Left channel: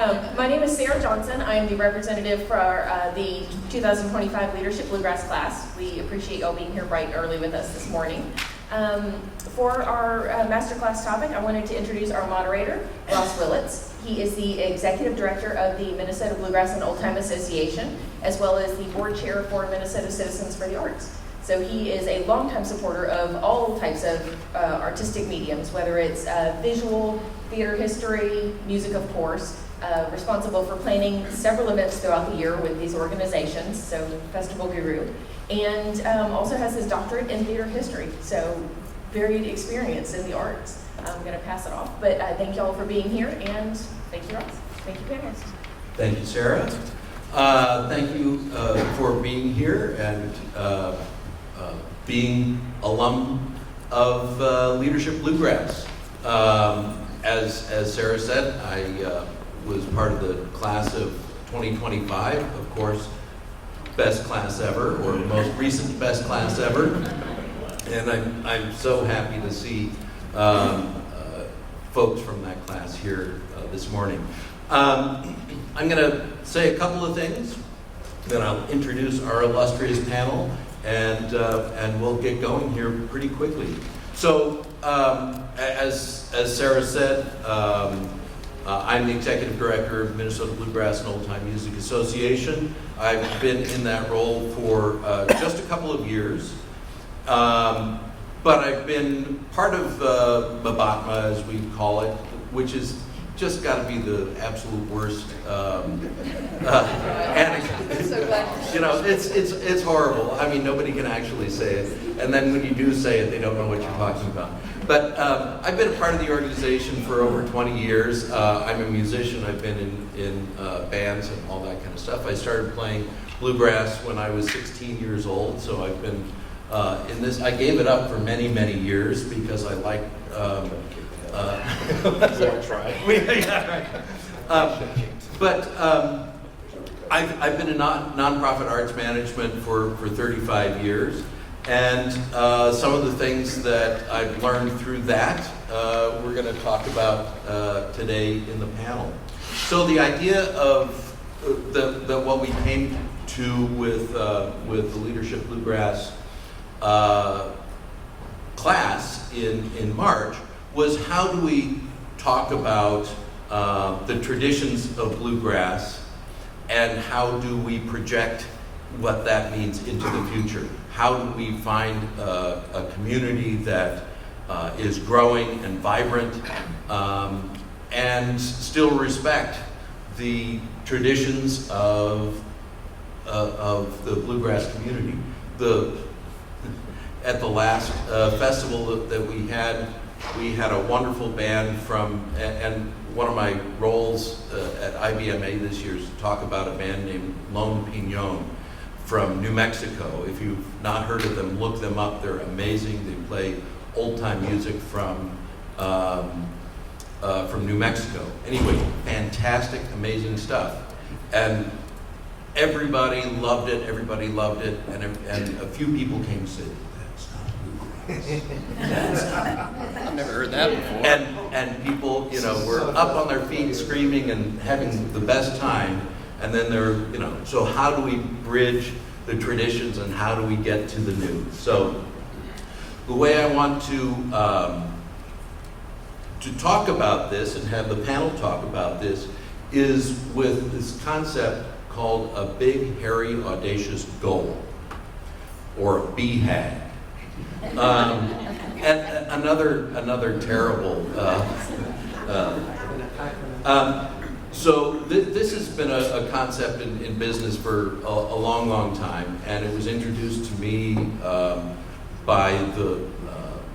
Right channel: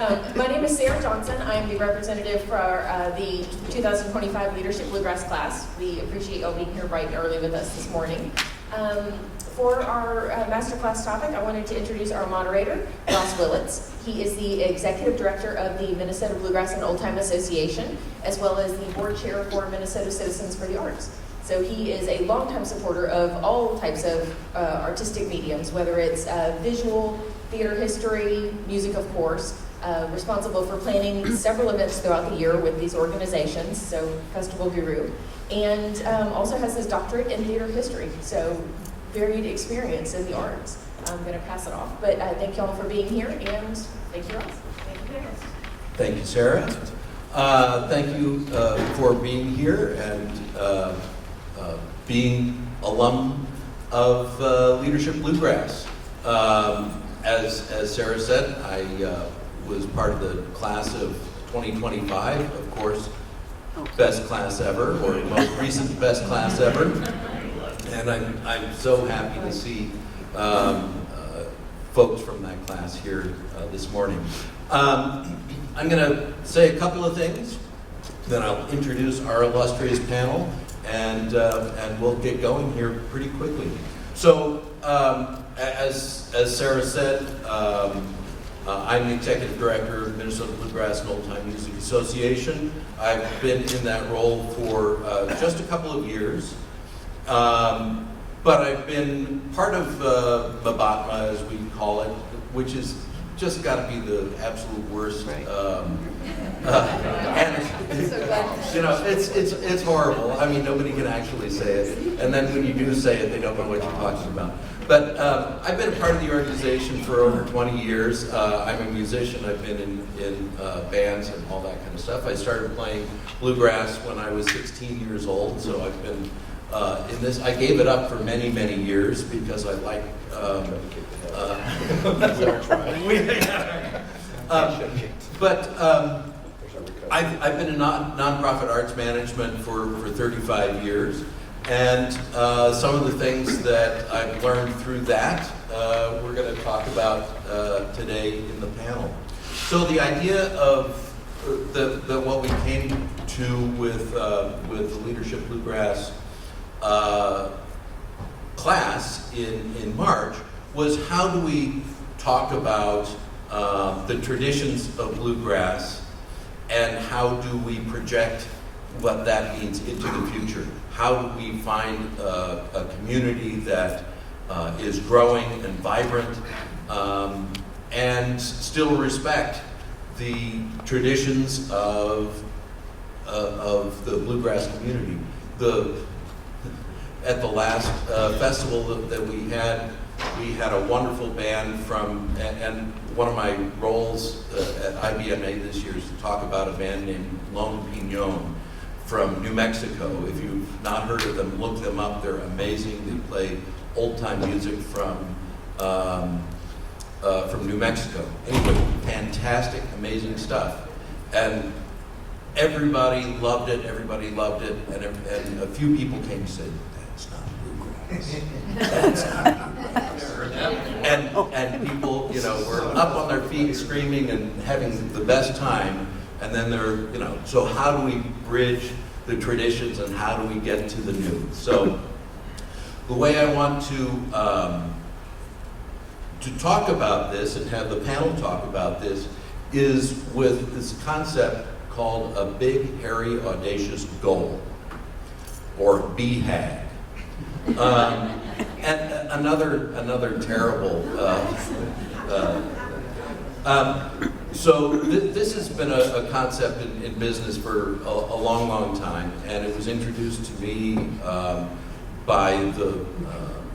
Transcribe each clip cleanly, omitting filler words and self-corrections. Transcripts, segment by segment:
My name is Sarah Johnson. I am the representative for the 2025 Leadership Bluegrass class. We appreciate y'all being here bright and early with us this morning. For our Masterclass topic, I wanted to introduce our moderator, Ross Willits. He is the Executive Director of the Minnesota Bluegrass and Old Time Association, as well as the Board Chair for Minnesota Citizens for the Arts. So he is a longtime supporter of all types of artistic mediums, whether it's visual, theater history, music, of course, responsible for planning several events throughout the year with these organizations, so Festival Guru, and also has his doctorate in theater history, so varied experience in the arts. I'm going to pass it off, but thank y'all for being here, and thank you, Ross. Thank you, panelists. Thank you, Sarah. Thank you for being here and being alum of Leadership Bluegrass. As Sarah said, I was part of the class of 2025, of course, best class ever, or most recent best class ever. And I'm so happy to see folks from that class here this morning. I'm going to say a couple of things, then I'll introduce our illustrious panel, and we'll get going here pretty quickly. So, as Sarah said, I'm the Executive Director of Minnesota Bluegrass and Old Time Music Association. I've been in that role for just a couple of years. But I've been part of MBATMA, as we call it, which is just got to be the absolute worst anecdote. So glad. You know, it's horrible. I mean, nobody can actually say it, and then when you do say it, they don't know what you're talking about. But I've been a part of the organization for over 20 years. I'm a musician. I've been in bands and all that kind of stuff. I started playing bluegrass when I was 16 years old, so I've been in this. I gave it up for many, many years because I like. We all try. I've been in nonprofit arts management for 35 years, and some of the things that I've learned through that we're going to talk about today in the panel. So the idea of what we came to with the Leadership Bluegrass class in March was, how do we talk about the traditions of bluegrass, and how do we project what that means into the future? How do we find a community that is growing and vibrant and still respect the traditions of the bluegrass community? At the last festival that we had a wonderful band from, and one of my roles at IBMA this year is to talk about a band named Lone Pinon from New Mexico. If you've not heard of them, look them up. They're amazing. They play old-time music from New Mexico. Anyway, fantastic, amazing stuff. And everybody loved it, and a few people came and said, I've never heard that before. And people, were up on their feet screaming and having the best time, and then so how do we bridge the traditions and how do we get to the new? So the way I want to talk about this and have the panel talk about this is with this concept called a big, hairy, audacious goal, or BHAG. And another terrible. So this has been a concept in business for a long time, and it was introduced to me by the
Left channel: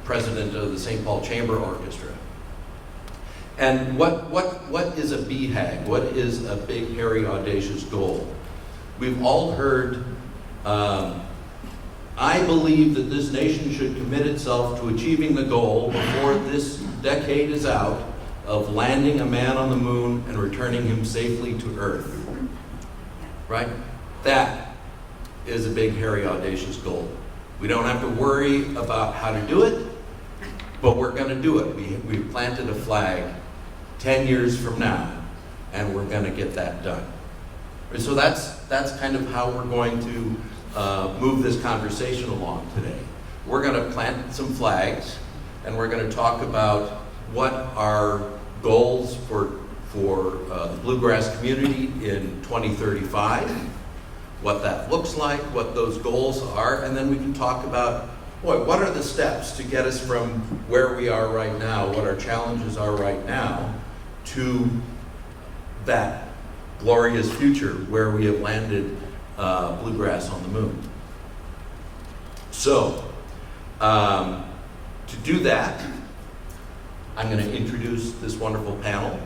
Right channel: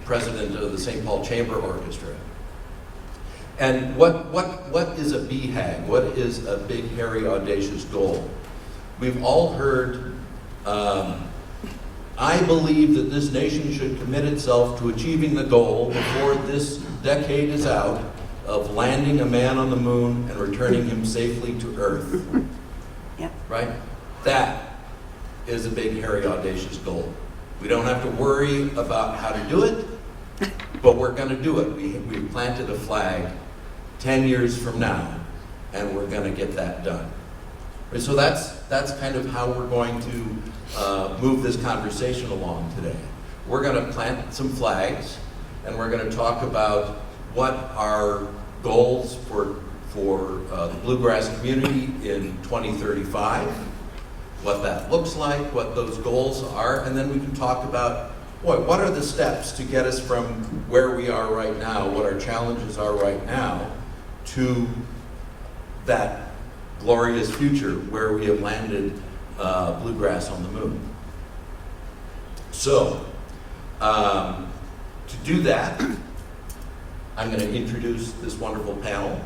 president of the St. Paul Chamber Orchestra. And what is a BHAG? What is a big, hairy, audacious goal? We've all heard. I believe that this nation should commit itself to achieving the goal before this decade is out of landing a man on the moon and returning him safely to Earth. Yeah. Right? That is a big, hairy, audacious goal. We don't have to worry about how to do it, but we're going to do it. We've planted a flag 10 years from now, and we're going to get that done. So that's kind of how we're going to move this conversation along today. We're going to plant some flags, and we're going to talk about what our goals for the bluegrass community in 2035, what that looks like, what those goals are, and then we can talk about what are the steps to get us from where we are right now, what our challenges are right now, to that glorious future where we have landed bluegrass on the moon. So, to do that, I'm going to introduce this wonderful panel.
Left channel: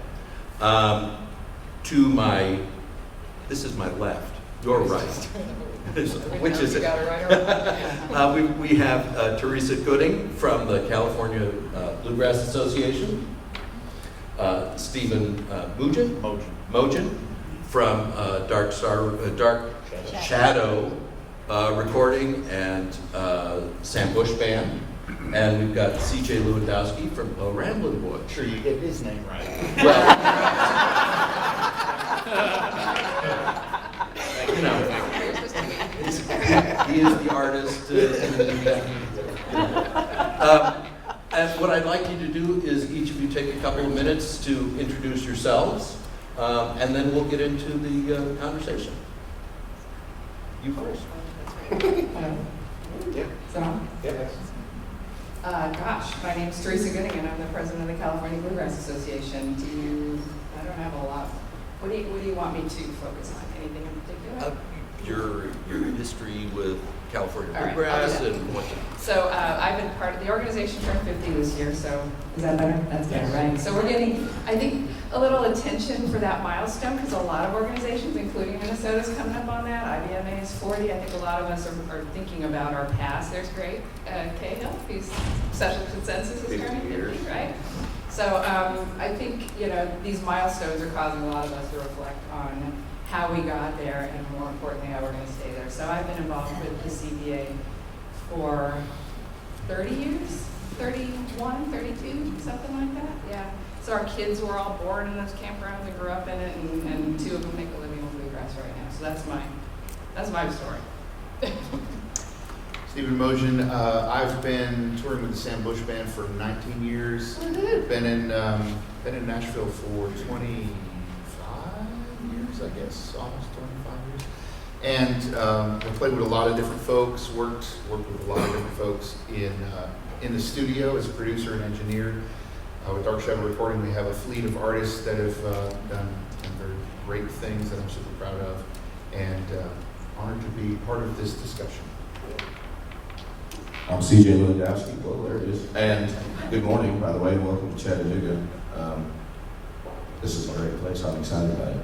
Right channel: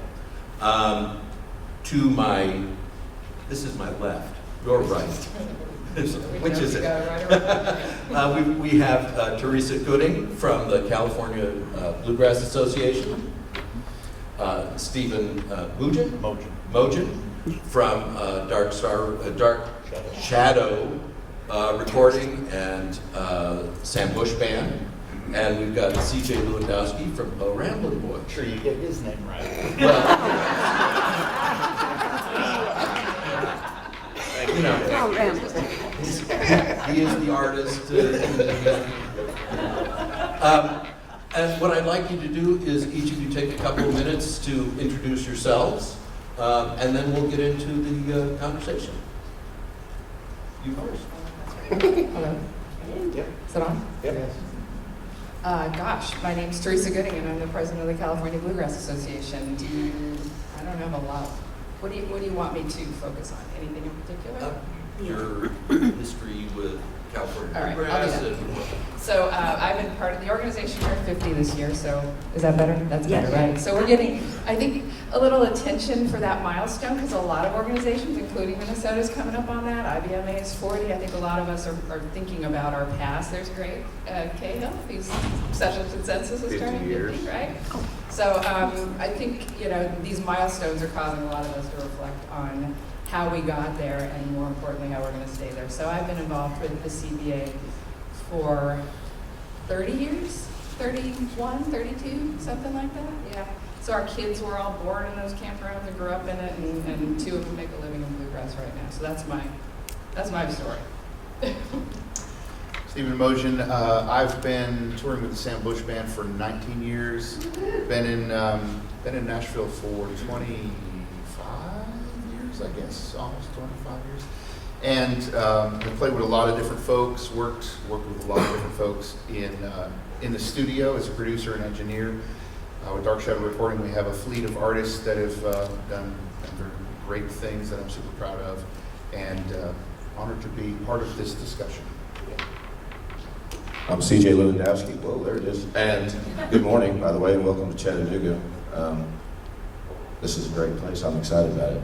This is my left, your right. Which is it? We have Teresa Gooding from the California Bluegrass Association, Stephen Mogen from Dark Shadow Recording and Sam Bush Band. And we've got C.J. Lewandowski from Ramblin' Boy. Sure, you get his name right. Well, you know, he is the artist. And what I'd like you to do is each of you take a couple of minutes to introduce yourselves, and then we'll get into the conversation. You first. Hello. Yep. Is that on? Yep. Gosh, my name's Teresa Gooding, and I'm the president of the California Bluegrass Association. I don't have a lot. What do you want me to focus on? Anything in particular? Your history with California All right, Bluegrass I'll do and what. So I've been part of the organization for 50 this year, so is that better? That's better, right? So we're getting, I think, a little attention for that milestone because a lot of organizations, including Minnesota's coming up on that. IBMA is 40. I think a lot of us are thinking about our past. There's great Cahill, whose social consensus is turning 50, right? So I think, these milestones are causing a lot of us to reflect on how we got there and more importantly, how we're going to stay there. So I've been involved with the CBA for 30 years, 31, 32, something like that, yeah. So our kids were all born in those campgrounds and grew up in it, and two of them make a living on bluegrass right now. So that's my story. Stephen Mogen, I've been touring with the Sam Bush Band for 19 years. Been in Nashville for 25 years, I guess, almost 25 years. And I played with a lot of different folks, worked with a lot of different folks in the studio as a producer and engineer. With Dark Shadow Recording, we have a fleet of artists that have done very great things that I'm super proud of, and honored to be part of this discussion. I'm C.J. Lewandowski. Well, there it is. And good morning, by the way, and welcome to Chattanooga. This is a great place. I'm excited about it.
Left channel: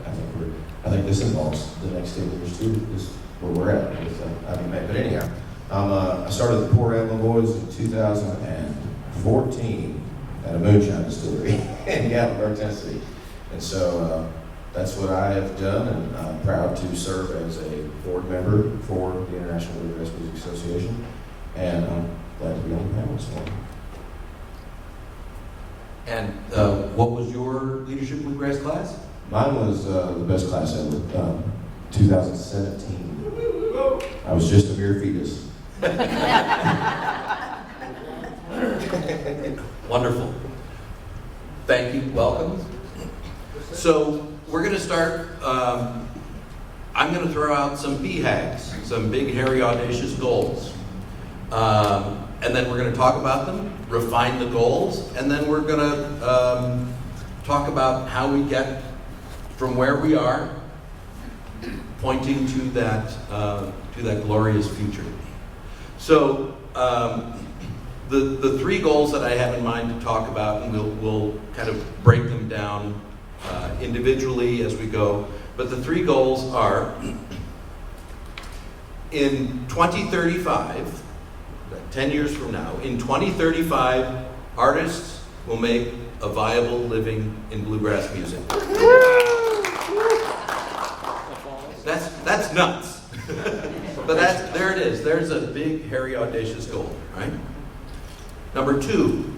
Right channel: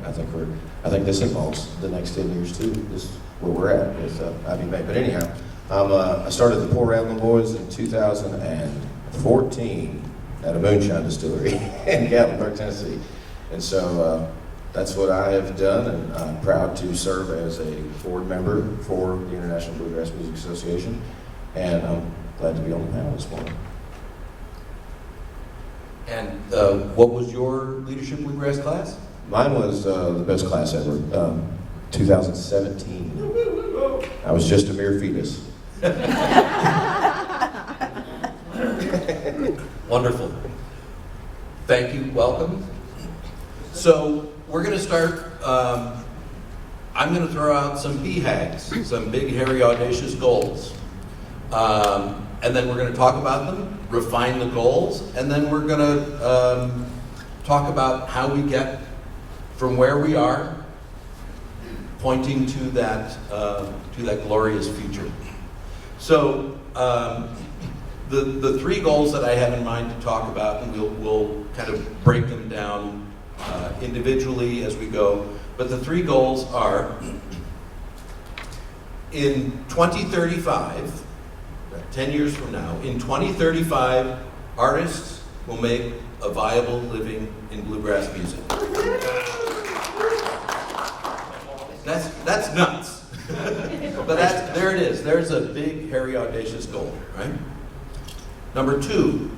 I think this involves the next 10 years too. This is where we're at with IBMA. But anyhow, I started the Poor Ramblin' Boys in 2014 at a moonshine distillery in Gatlinburg, Tennessee. And so that's what I have done, and I'm proud to serve as a board member for the International Bluegrass Music Association. And I'm glad to be on the panel this morning. And what was your leadership bluegrass class? Mine was the best class ever, 2017. I was just a mere fetus. Wonderful. Thank you. Welcome. So we're going to start. I'm going to throw out some BHAGs, some big, hairy, audacious goals. And then we're going to talk about them, refine the goals, and then we're going to talk about how we get from where we are, pointing to that glorious future. So the three goals that I have in mind to talk about, and we'll kind of break them down individually as we go. But the three goals are: in 2035. 10 years from now, in 2035, artists will make a viable living in bluegrass music. That's nuts. But there it is. There's a big, hairy, audacious goal, right? Number two,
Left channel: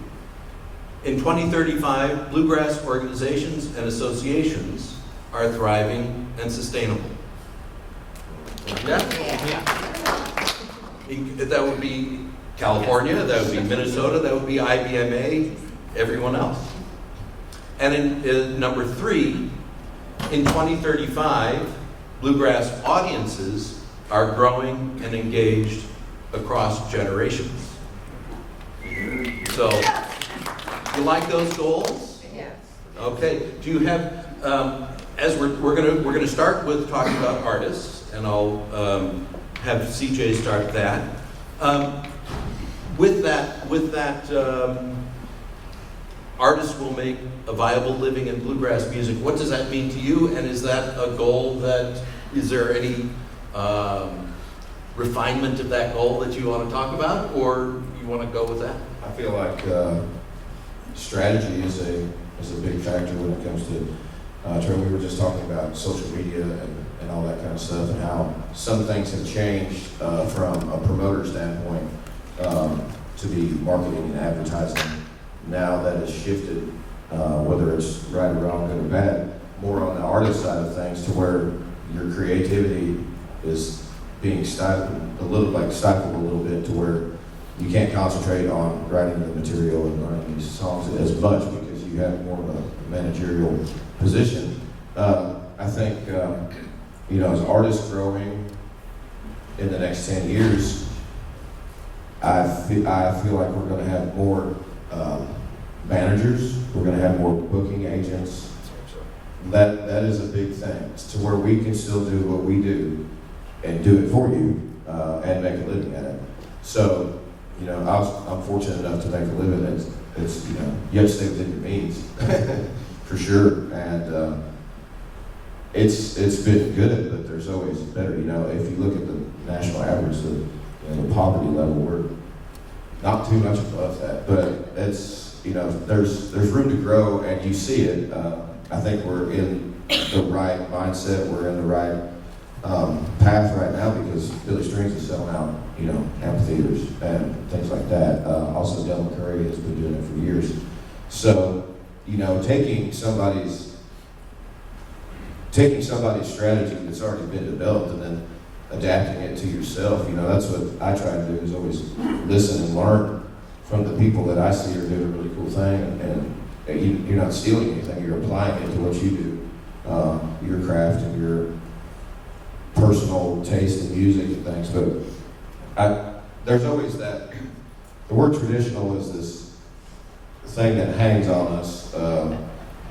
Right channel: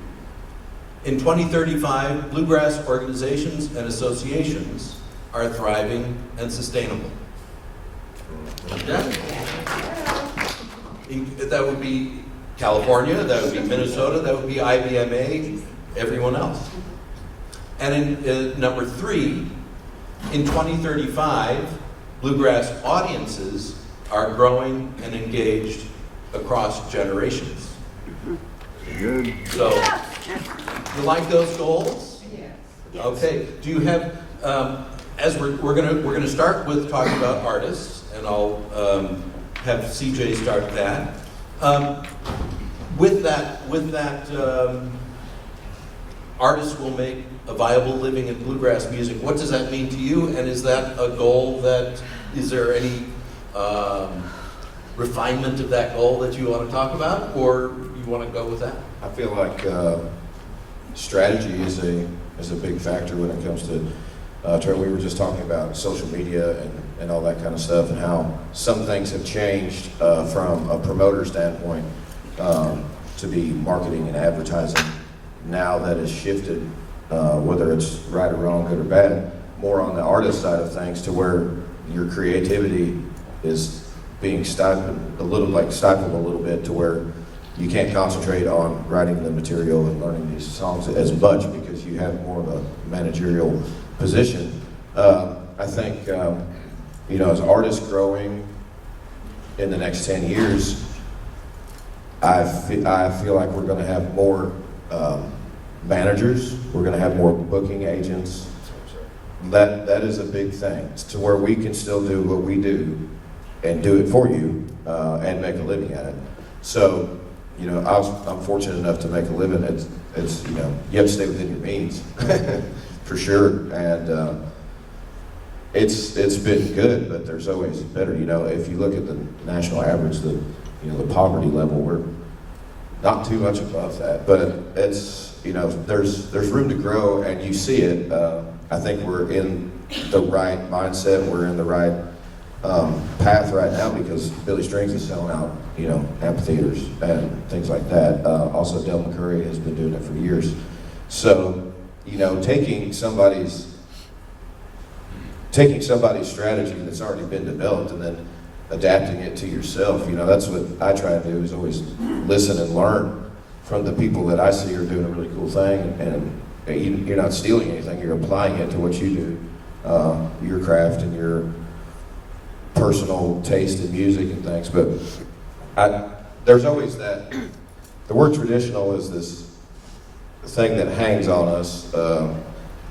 in 2035, bluegrass organizations and associations are thriving and sustainable. Yeah. That would be California, that would be Minnesota, that would be IBMA, everyone else. And in number 3, in 2035, Bluegrass audiences are growing and engaged across generations. So, you like those goals? Yes. Okay. Do you have, as we're gonna start with talking about artists, and I'll have CJ start that. With that, artists will make a viable living in bluegrass music. What does that mean to you? And is that a goal is there any refinement of that goal that you want to talk about, or you want to go with that? I feel like strategy is a big factor when it comes to, Charlie, we were just talking about social media and all that kind of stuff, and how some things have changed from a promoter standpoint to be marketing and advertising. Now that has shifted, whether it's right or wrong, good or bad, more on the artist side of things, to where your creativity is being stifled a little bit, to where you can't concentrate on writing the material and learning these songs as much because you have more of a managerial position. I think, as artists growing in the next 10 years, I feel like we're going to have more managers, we're going to have more booking agents. That is a big thing, to where we can still do what we do and do it for you and make a living at it. So, I'm fortunate enough to make a living. It's you have to stay within your means, for sure. And it's been good, but there's always better. If you look at the national average, the poverty level, we're not too much above that. But it's there's room to grow, and you see it. I think we're in the right mindset. We're in the right path right now, because Billy Strings is selling out, amphitheaters and things like that. Also, Del McCurry has been doing it for years. So, taking somebody's strategy that's already been developed and then adapting it to yourself, that's what I try to do, is always listen and learn from the people that I see are doing a really cool thing, and you're not stealing anything, you're applying it to what you do, your craft and your personal taste in music and things. But there's always that, the word traditional is this thing that hangs on us.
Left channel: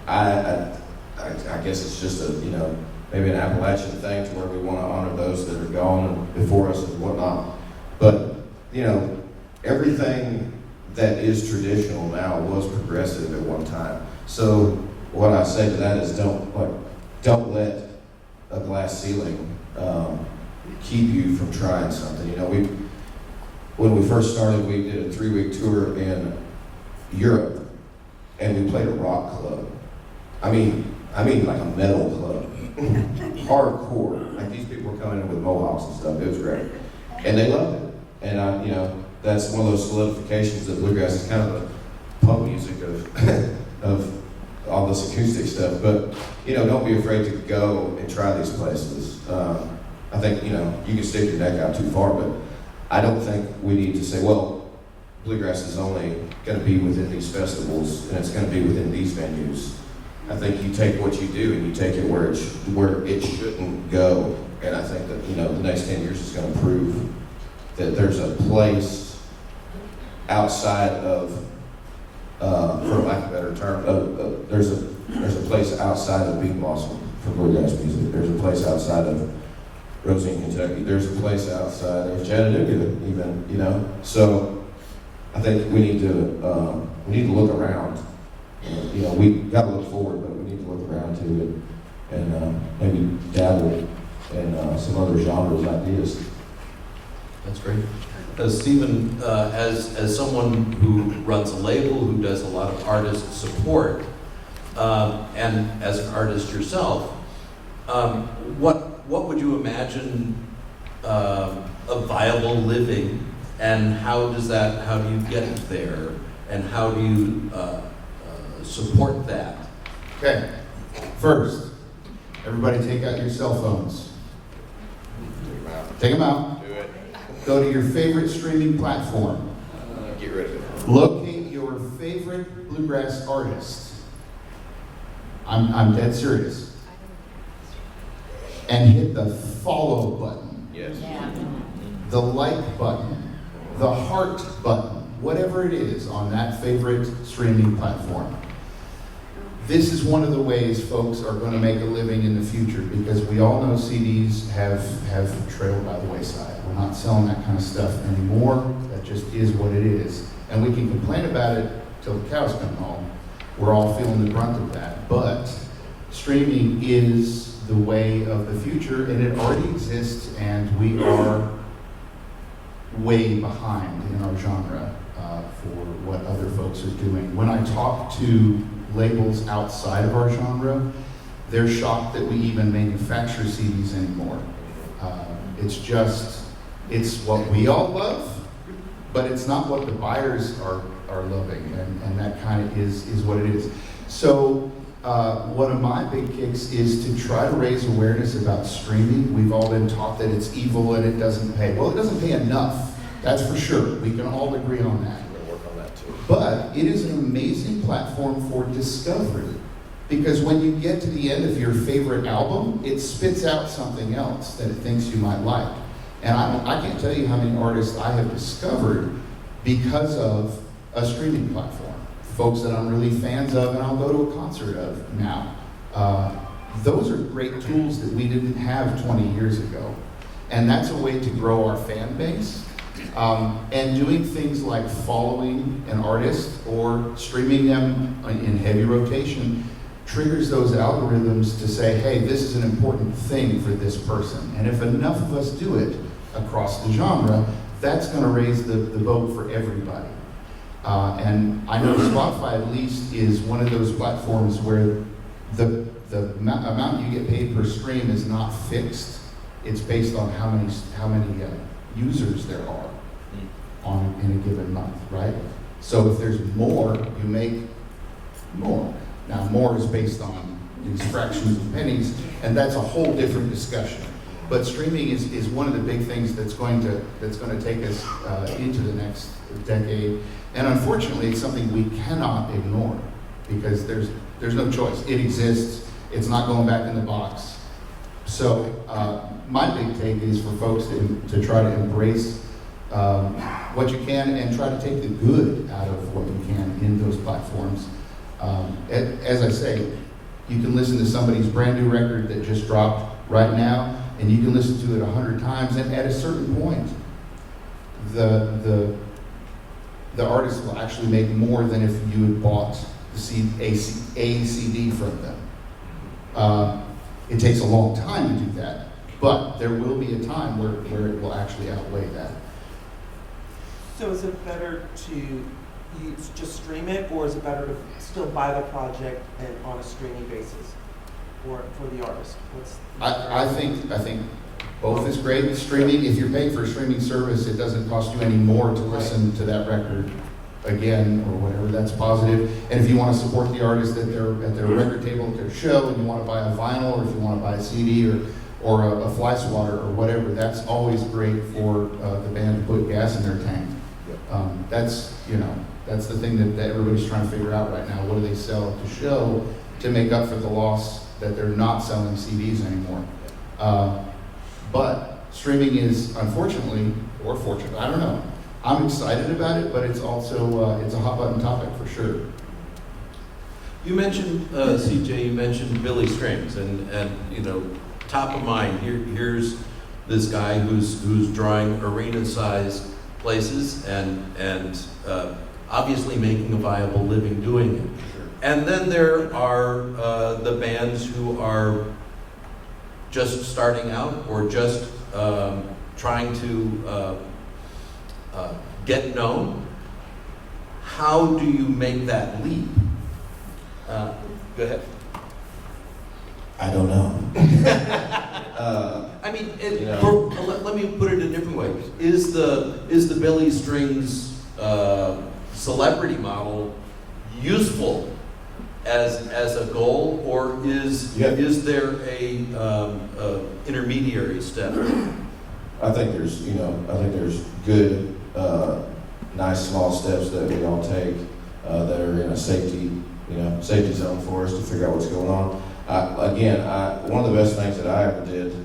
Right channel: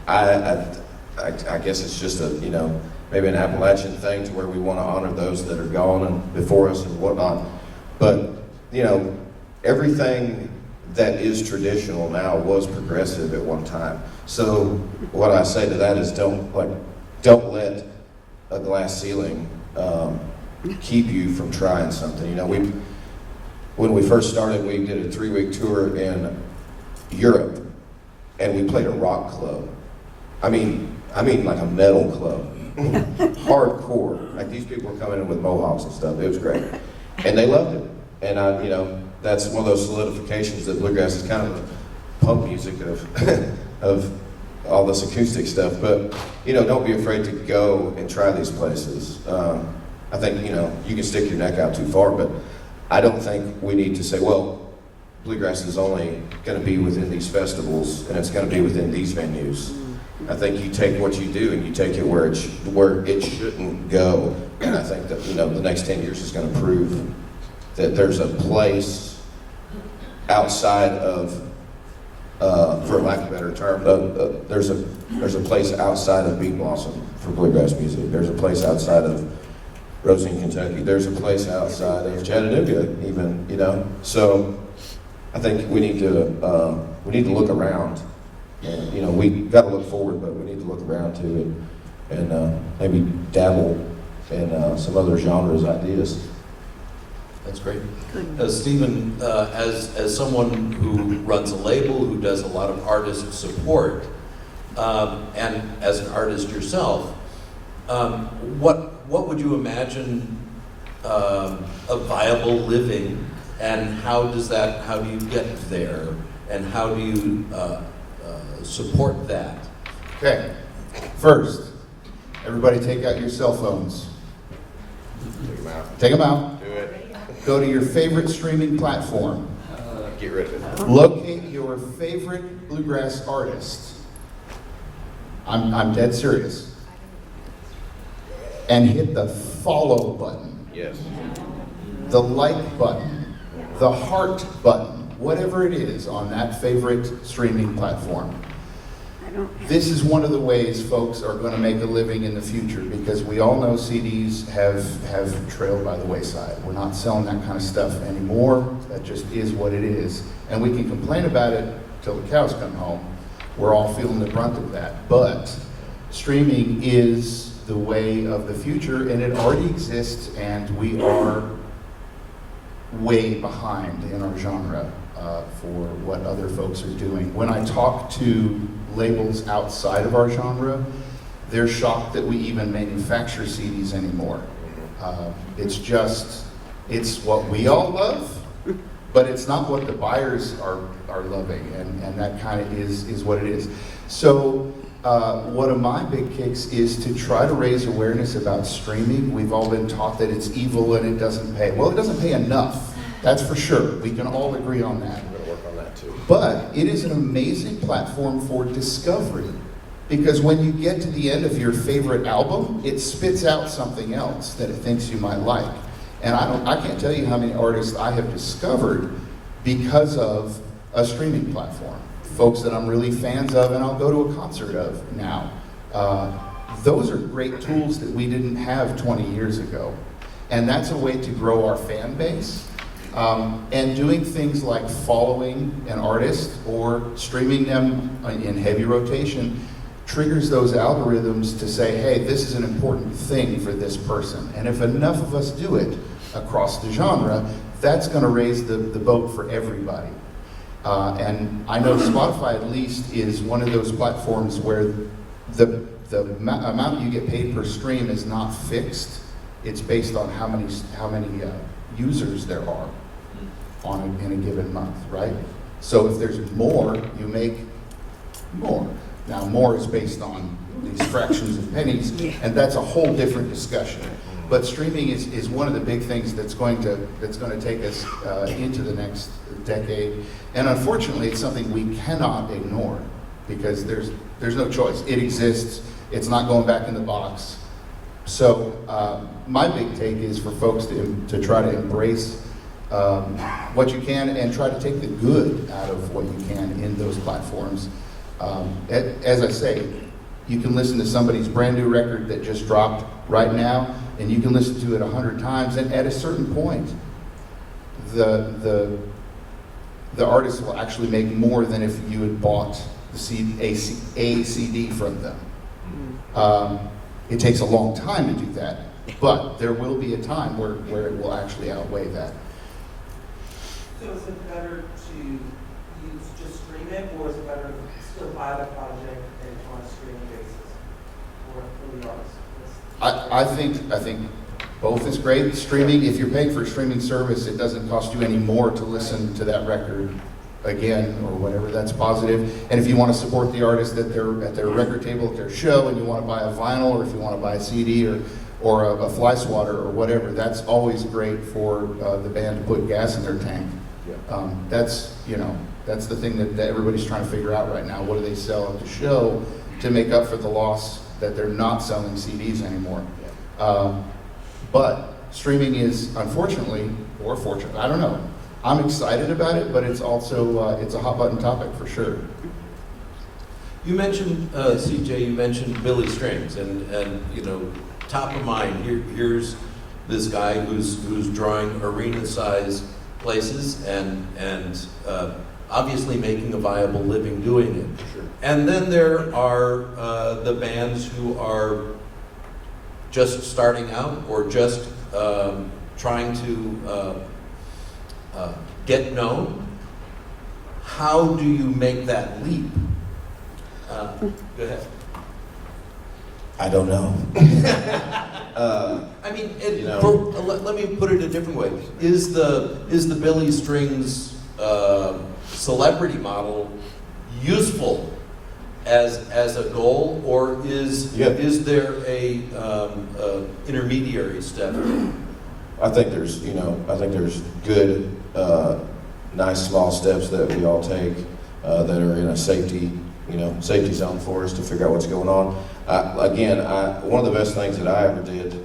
I guess it's just maybe an Appalachian thing, to where we want to honor those that are gone and before us and whatnot. But, everything that is traditional now was progressive at one time. So what I say to that is, don't let a glass ceiling keep you from trying something. When we first started, we did a 3-week tour in Europe, and we played a rock club. I mean like a metal club, hardcore. Like, these people were coming in with mohawks and stuff. It was great, and they loved it. And that's one of those solidifications that bluegrass is kind of the punk music of all this acoustic stuff. But don't be afraid to go and try these places. I think you can stick your neck out too far, but I don't think we need to say, well, bluegrass is only going to be within these festivals and it's going to be within these venues. I think you take what you do and you take it where it shouldn't go. And I think that the next 10 years is going to prove that there's a place outside of, for lack of a better term, there's a place outside of Beat Blossom for bluegrass music. There's a place outside of Rosine, Kentucky. There's a place outside of Chattanooga, even. So I think we need to look around, and we got to look forward, but we need to look around too, and maybe dabble in some other genres, ideas. That's great. Stephen, as someone who runs a label, who does a lot of artist support, and as an artist yourself, what would you imagine a viable living, and how do you get there, and how do you support that? Okay, first, Everybody take out your cell phones. Take them out. Take them out. Do it. Go to your favorite streaming platform. Get rid of it. Locate your favorite bluegrass artist. I'm dead serious. And hit the follow button, Yes. the like button, the heart button, whatever it is on that favorite streaming platform. This is one of the ways folks are going to make a living in the future, because we all know CDs have trailed by the wayside. We're not selling that kind of stuff anymore. That just is what it is. And we can complain about it till the cows come home. We're all feeling the brunt of that. But streaming is the way of the future, and it already exists, and we are way behind in our genre for what other folks are doing. When I talk to labels outside of our genre, they're shocked that we even manufacture CDs anymore. It's what we all love, but it's not what the buyers are loving, and that kind of is what it is. So one of my big kicks is to try to raise awareness about streaming. We've all been taught that it's evil and it doesn't pay. Well, it doesn't pay enough, that's for sure. We can all agree on that. I'm going to work on that too. But it is an amazing platform for discovery, because when you get to the end of your favorite album, it spits out something else that it thinks you might like. And I can't tell you how many artists I have discovered because of a streaming platform. Folks that I'm really fans of and I'll go to a concert of now. Those are great tools that we didn't have 20 years ago. And that's a way to grow our fan base. And doing things like following an artist or streaming them in heavy rotation triggers those algorithms to say, hey, this is an important thing for this person. And if enough of us do it across the genre, that's going to raise the boat for everybody. And I know Spotify at least is one of those platforms where the amount you get paid per stream is not fixed. It's based on how many users there are in a given month, right? So if there's more, you make more. Now, more is based on these fractions of pennies, and that's a whole different discussion. But streaming is one of the big things that's going to take us into the next decade. And unfortunately, it's something we cannot ignore, because there's no choice. It exists. It's not going back in the box. So my big take is for folks to try to embrace what you can and try to take the good out of what you can in those platforms. As I say, you can listen to somebody's brand new record that just dropped right now, and you can listen to it 100 times, and at a certain point, the artist will actually make more than if you had bought a CD from them. It takes a long time to do that, but there will be a time where it will actually outweigh that. So is it better to just stream it, or is it better to still buy the project and on a streaming basis for the artist? I think both is great. Streaming, if you're paying for a streaming service, it doesn't cost you any more to listen to that record again or whatever. That's positive. And if you want to support the artist at their record table at their show, and you want to buy a vinyl, or if you want to buy a CD or a fly swatter or whatever, that's always great for the band to put gas in their tank. Yep. That's the thing that everybody's trying to figure out right now. What do they sell at the show to make up for the loss that they're not selling CDs anymore? But streaming is, unfortunately, or fortunately, I don't know. I'm excited about it, but it's also it's a hot button topic for sure. You mentioned, CJ, you mentioned Billy Strings, and top of mind, here's this guy who's drawing arena-sized places and obviously making a viable living doing it. Sure. And then there are the bands who are just starting out or just trying to get known. How do you make that leap? Go ahead. I don't know. I mean, let me put it a different way. Is the Billy Strings celebrity model useful as a goal, or is Yeah. there a intermediary step? I think there's good, nice small steps that we all take that are in a safety zone for us to figure out what's going on. One of the best things that I ever did,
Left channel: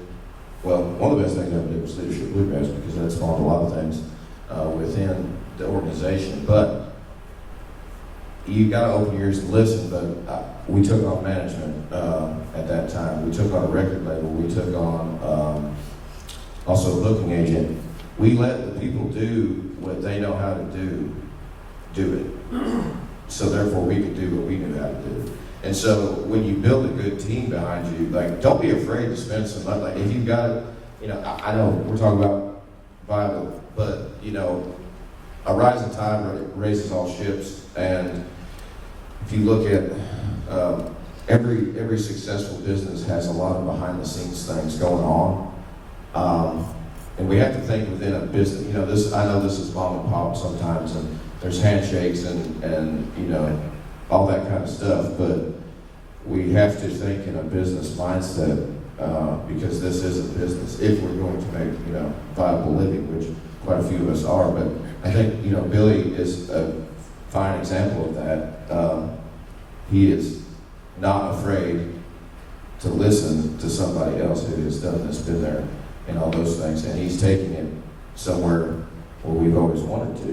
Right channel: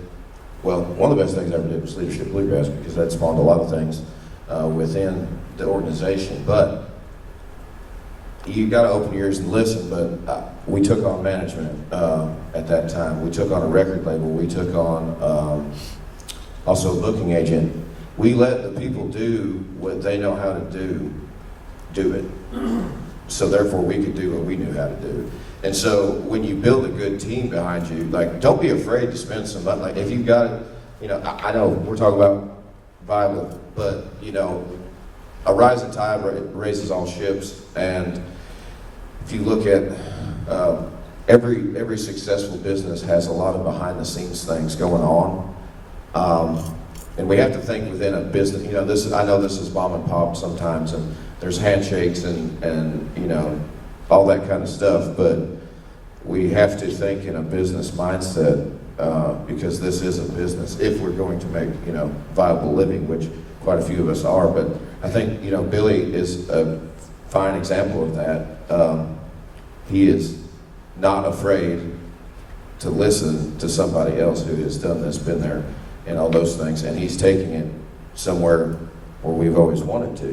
one of the best things I ever did was Leadership Bluegrass, because that spawned a lot of things within the organization. But you got to open your ears and listen. But we took on management at that time. We took on a record label. We took on also a booking agent. We let the people do what they know how to do it. So therefore we could do what we knew how to do. And so when you build a good team behind you, like, don't be afraid to spend some money. Like, if you've got it, I know we're talking about Bible, but a rising tide raises all ships. And if you look at every successful business has a lot of behind the scenes things going on. And we have to think within a business, I know this is mom and pop sometimes, and there's handshakes and all that kind of stuff, but we have to think in a business mindset, because this is a business, if we're going to make, viable living, which quite a few of us are. But I think, Billy is a fine example of that. He is not afraid to listen to somebody else who has done this, been there, and all those things, and he's taking it somewhere where we've always wanted to,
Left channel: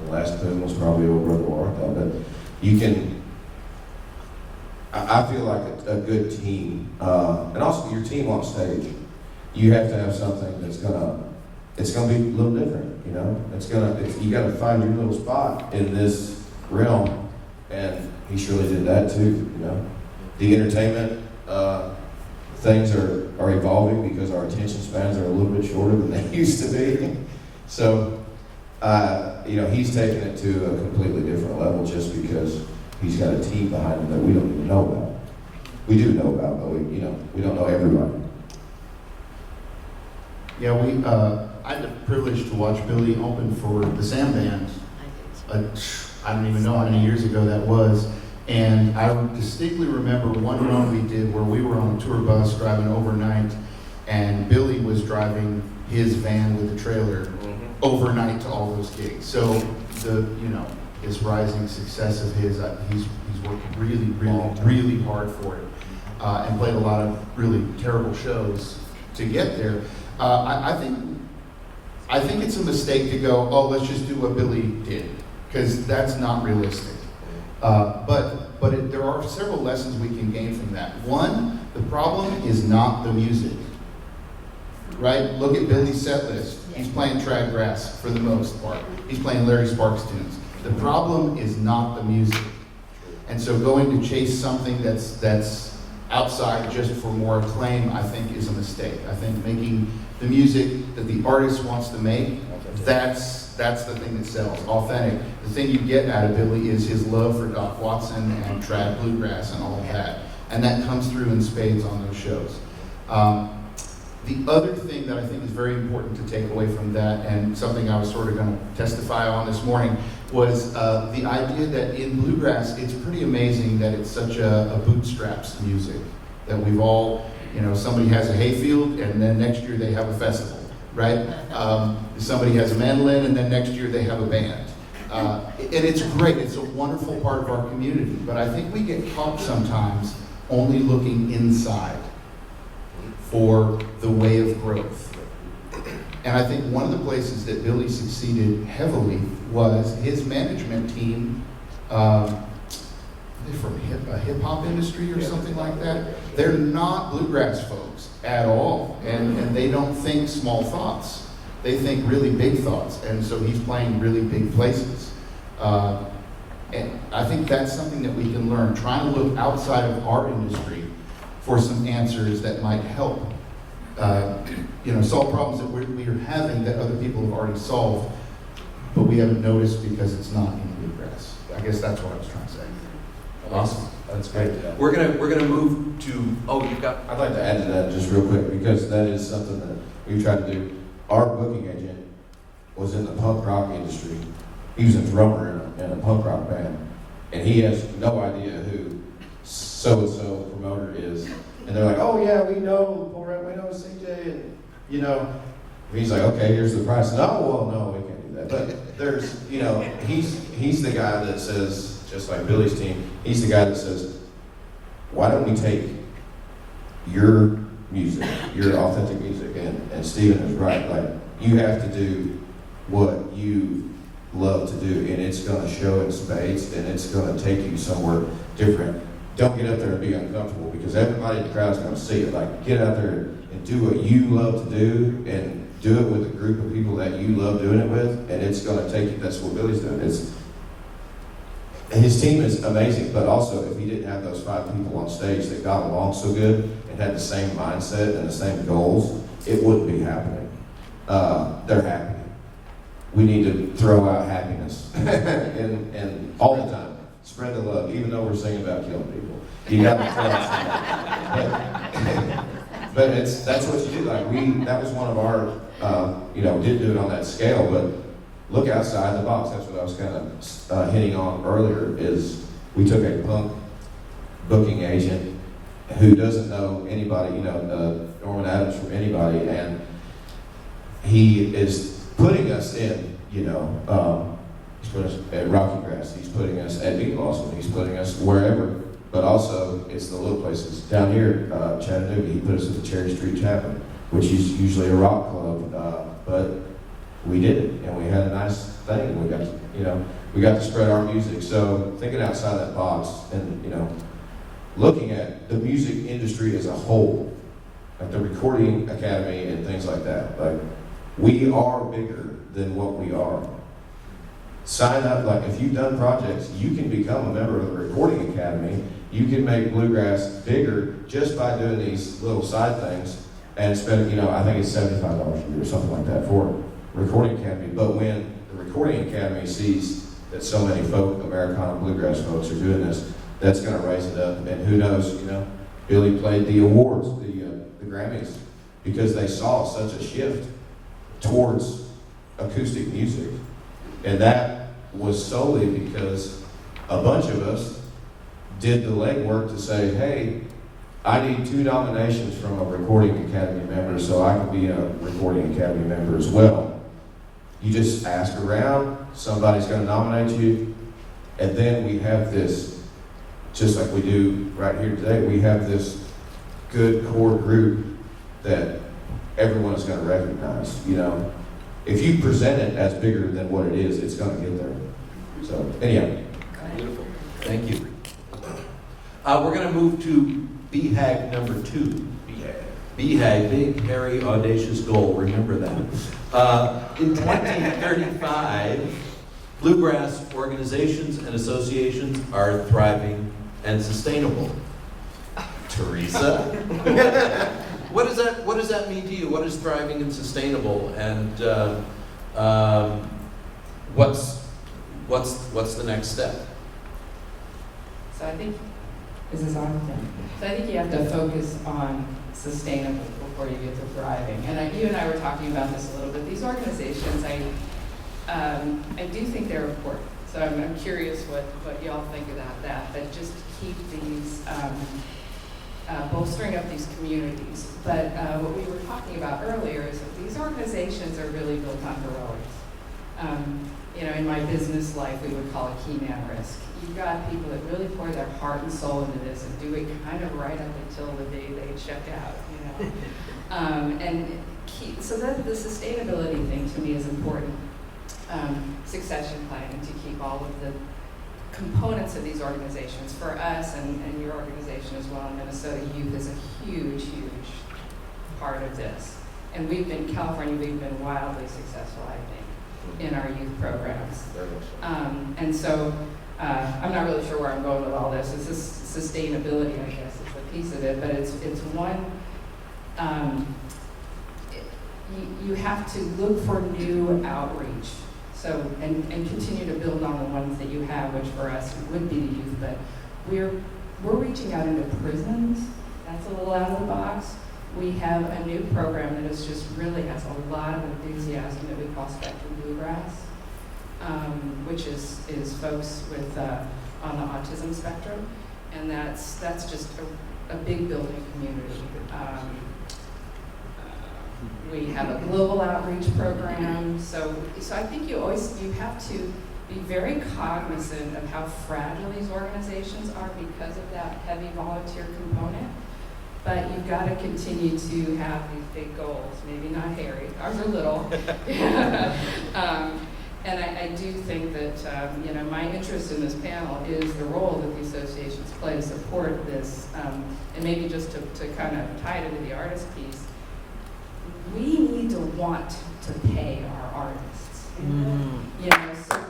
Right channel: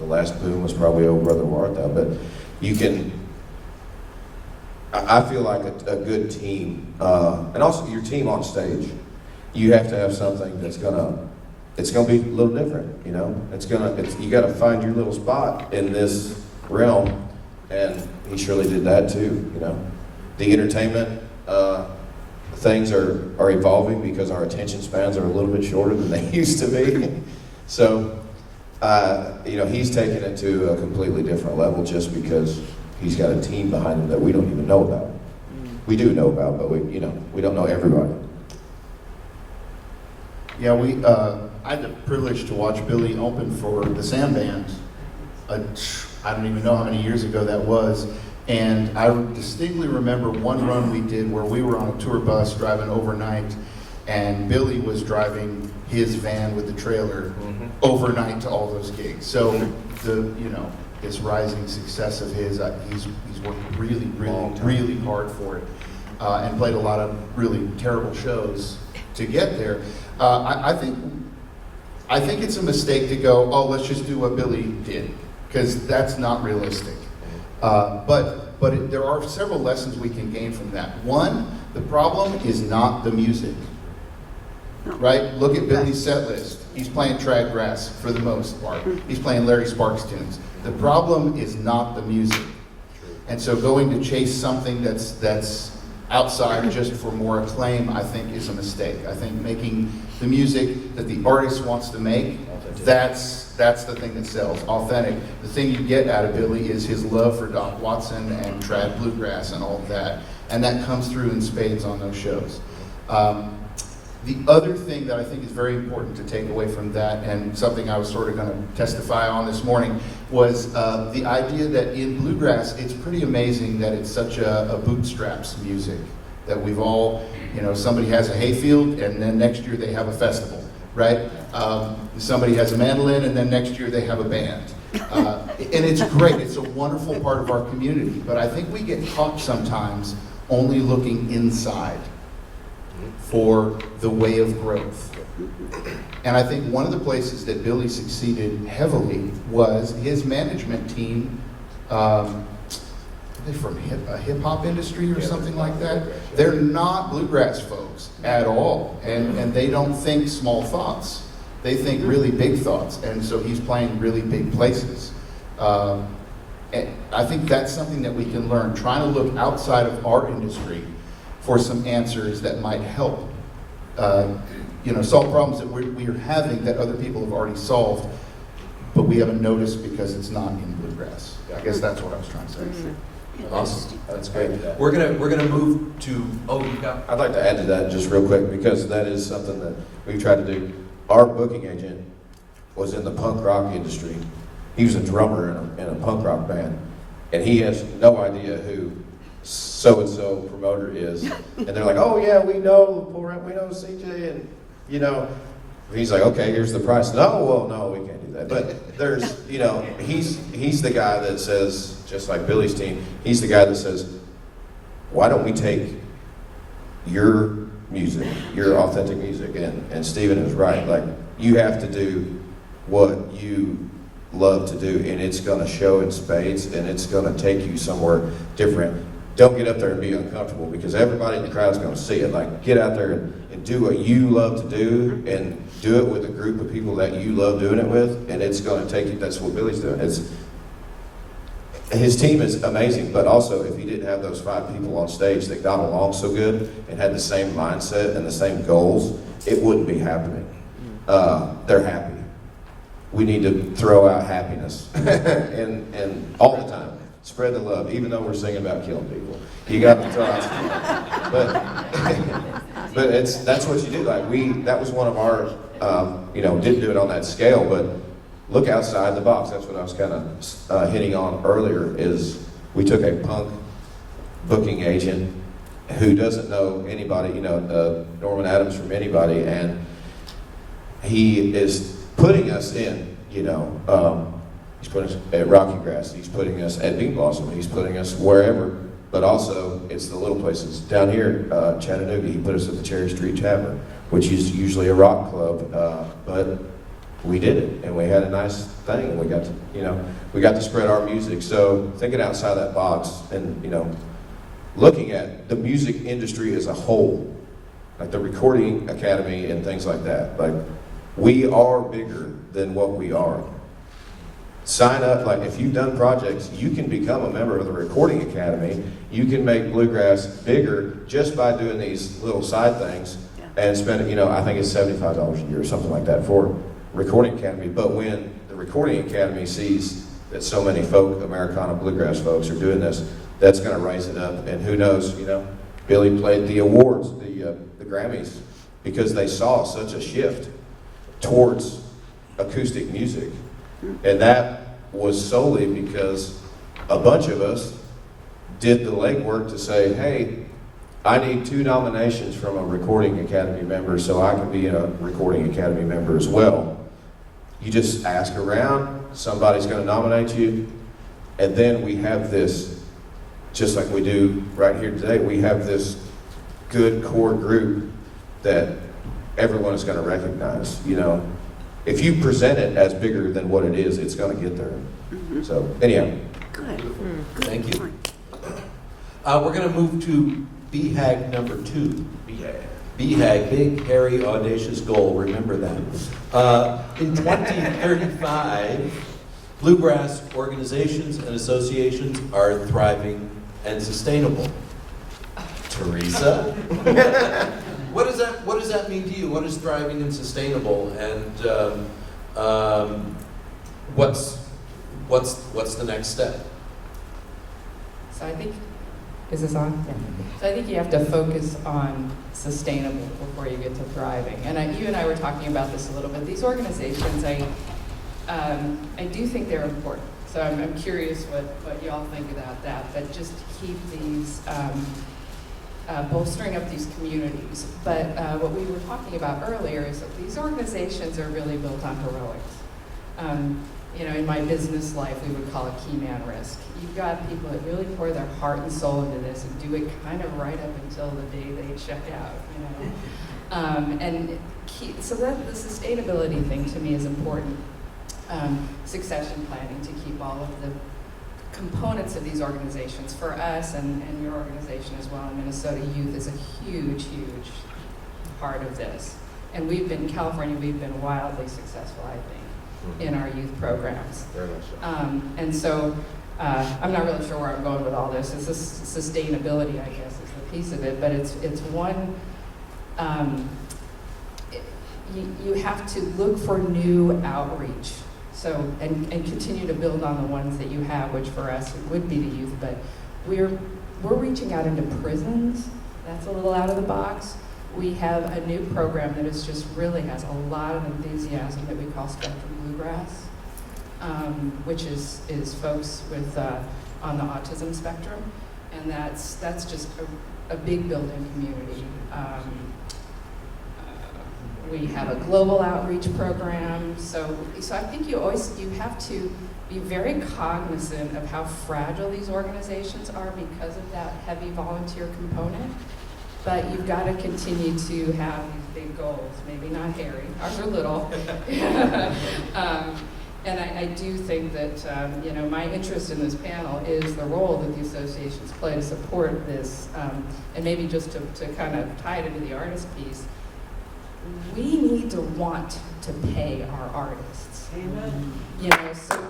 The last boom was probably Old Brother Warthau, but I feel like a good team, and also your team on stage, you have to have something that's it's gonna be a little different, you gotta find your little spot in this realm, and he surely did that too, The entertainment, things are evolving because our attention spans are a little bit shorter than they used to be. So, he's taken it to a completely different level just because he's got a team behind him that we don't even know about. We do know about, but we don't know everybody. Yeah, I had the privilege to watch Billy open for the Sam Band. I don't even know how many years ago that was. And I distinctly remember one run we did where we were on a tour bus driving overnight, and Billy was driving his van with the trailer overnight to all those gigs. So this rising success of his, he's worked really hard for it, and played a lot of really terrible shows to get there. I think it's a mistake to go, oh, let's just do what Billy did, because that's not realistic. But there are several lessons we can gain from that. One, the problem is not the music, right? Look at Billy's set list. He's playing Trad Grass for the most part. He's playing Larry Sparks tunes. The problem is not the music. And so going to chase something that's outside just for more acclaim, I think, is a mistake. I think making the music that the artist wants to make, that's the thing that sells. Authentic. The thing you get out of Billy is his love for Doc Watson and trad bluegrass and all of that. And that comes through in spades on those shows. The other thing that I think is very important to take away from that, and something I was sort of going to testify on this morning, was the idea that in bluegrass, it's pretty amazing that it's such a bootstraps music, that we've all, somebody has a hayfield, and then next year they have a festival, right? Somebody has a mandolin, and then next year they have a band. And it's great. It's a wonderful part of our community. But I think we get caught sometimes only looking inside for the way of growth. And I think one of the places that Billy succeeded heavily was his management team. Are they from a hip-hop industry or something like that? They're not bluegrass folks at all. And they don't think small thoughts. They think really big thoughts. And so he's playing really big places. And I think that's something that we can learn, trying to look outside of our industry for some answers that might help, solve problems that we are having that other people have already solved, but we haven't noticed because it's not in bluegrass. I guess that's what I was trying to say. Awesome, that's great. We're gonna move to. Oh, you've got. I'd like to add to that just real quick, because that is something that we've tried to do. Our booking agent was in the punk rock industry. He was a drummer in a punk rock band, and he has no idea who so-and-so promoter is. And they're like, oh yeah, we know CJ, and you know, he's like, okay, here's the price. No, well, no, we can't do that. But there's, you know, he's the guy that says, just like Billy's team, he's the guy that says, why don't we take your music, your authentic music, and Stephen is right, like, you have to do what you love to do, and it's gonna show in spades, and it's gonna take you somewhere different. Don't get up there and be uncomfortable, because everybody in the crowd is gonna see it. Like, get out there and do what you love to do, and do it with a group of people that you love doing it with, and it's gonna take you, that's what Billy's doing. His team is amazing, but also if he didn't have those 5 people on stage that got along so good and had the same mindset and the same goals, it wouldn't be happening. They're happy. We need to throw out happiness and all the time. Spread the love, even though we're singing about killing people. You got to throw out. But that's what you do. Like that was one of our, didn't do it on that scale, but look outside the box. That's what I was kind of hitting on earlier, is we took a punk booking agent who doesn't know anybody, Norman Adams from anybody, and he is putting us in, he's putting us at Rocky Grass, he's putting us at Bean Blossom, he's putting us wherever, but also it's the little places. Down here, Chattanooga, he put us at the Cherry Street Tavern, which is usually a rock club, but we did it, and we had a nice thing, and we got to spread our music. So thinking outside that box, and looking at the music industry as a whole, like the Recording Academy and things like that. Like, we are bigger than what we are. Sign up, like if you've done projects, you can become a member of the Recording Academy. You can make Bluegrass bigger just by doing these little side things and spending, I think it's $75 a year or something like that for Recording Academy. But when the Recording Academy sees that so many folk, Americana Bluegrass folks are doing this, that's going to raise it up. And who knows, Billy played the awards, the Grammys, because they saw such a shift towards acoustic music. And that was solely because a bunch of us did the legwork to say, hey, I need 2 nominations from a Recording Academy member so I can be a Recording Academy member as well. You just ask around, somebody's going to nominate you, and then we have this, just like we do right here today, we have this good core group that everyone is going to recognize. If you present it as bigger than what it is, it's going to get there. So, anyhow. Beautiful. Thank you. We're going to move to BHAG number 2. BHAG, Big, Hairy, Audacious Goal. Remember that. In 2035, bluegrass organizations and associations are thriving and sustainable. Teresa? What does that mean to you? What is thriving and sustainable? And what's the next step? So I think, is this on? Yeah. So I think you have to focus on sustainable before you get to thriving. And you and I were talking about this a little bit. These organizations, I do think they're important. So I'm curious what y'all think about that. But just to keep these, bolstering up these communities. But what we were talking about earlier is that these organizations are really built on heroics. In my business life, we would call it key man risk. You've got people that really pour their heart and soul into this and do it kind of right up until the day they check out, so that the sustainability thing to me is important. Succession planning to keep all of the components of these organizations for us and your organization as well. Minnesota Youth is a huge, huge part of this. And California, we've been wildly successful, I think, in our youth programs. Very much so. And so I'm not really sure where I'm going with all this. It's this sustainability, I guess, is a piece of it, but it's one, you have to look for new outreach. So, and continue to build on the ones that you have, which for us would be the youth, but we're reaching out into prisons. That's a little out of the box. We have a new program that is just really has a lot of enthusiasm that we call Spectrum Bluegrass, which is folks with on the autism spectrum, and that's just a big building community. We have a global outreach program, so I think you have to be very cognizant of how fragile these organizations are because of that heavy volunteer component. But you've got to continue to have these big goals, maybe not hairy, ours are little. And I do think that, my interest in this panel is the role that the associations play to support this. And maybe just to kind of tie it into the artist piece, we need to want to pay our artists. So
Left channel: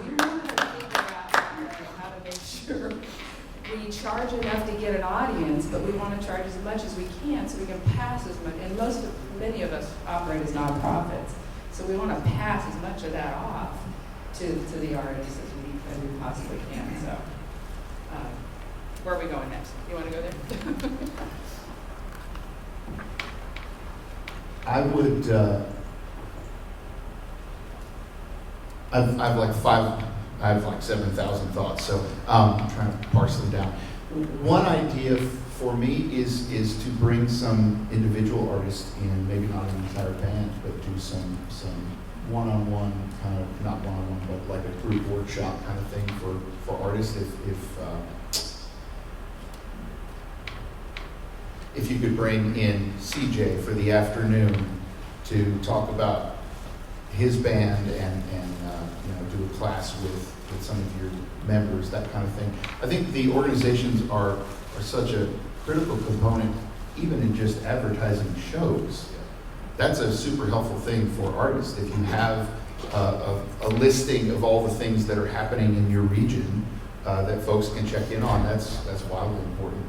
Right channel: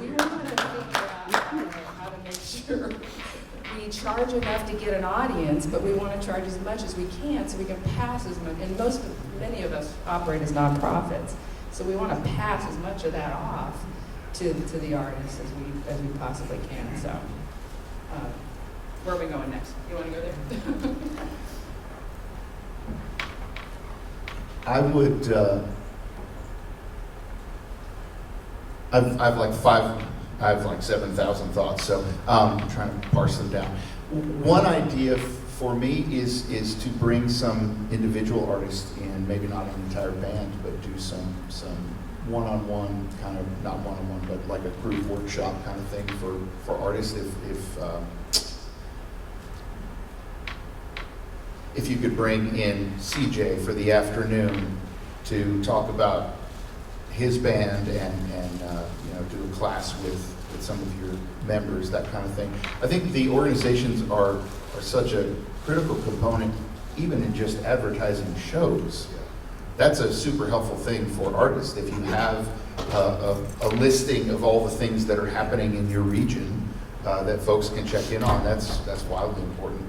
we want to figure out how to make sure we charge enough to get an audience, but we want to charge as much as we can so we can pass as much. And many of us operate as nonprofits, so we want to pass as much of that off to the artists as we possibly can. So, where are we going next? You want to go there? I would, I've like 7,000 thoughts, so I'm trying to parse them down. One idea for me is to bring some individual artists in, maybe not an entire band, but do some one-on-one kind of, not one-on-one, but like a group workshop kind of thing for artists. If you could bring in CJ for the afternoon to talk about his band and do a class with some of your members, that kind of thing. I think the organizations are such a critical component, even in just advertising shows. That's a super helpful thing for artists. If you have a listing of all the things that are happening in your region that folks can check in on, that's wildly important.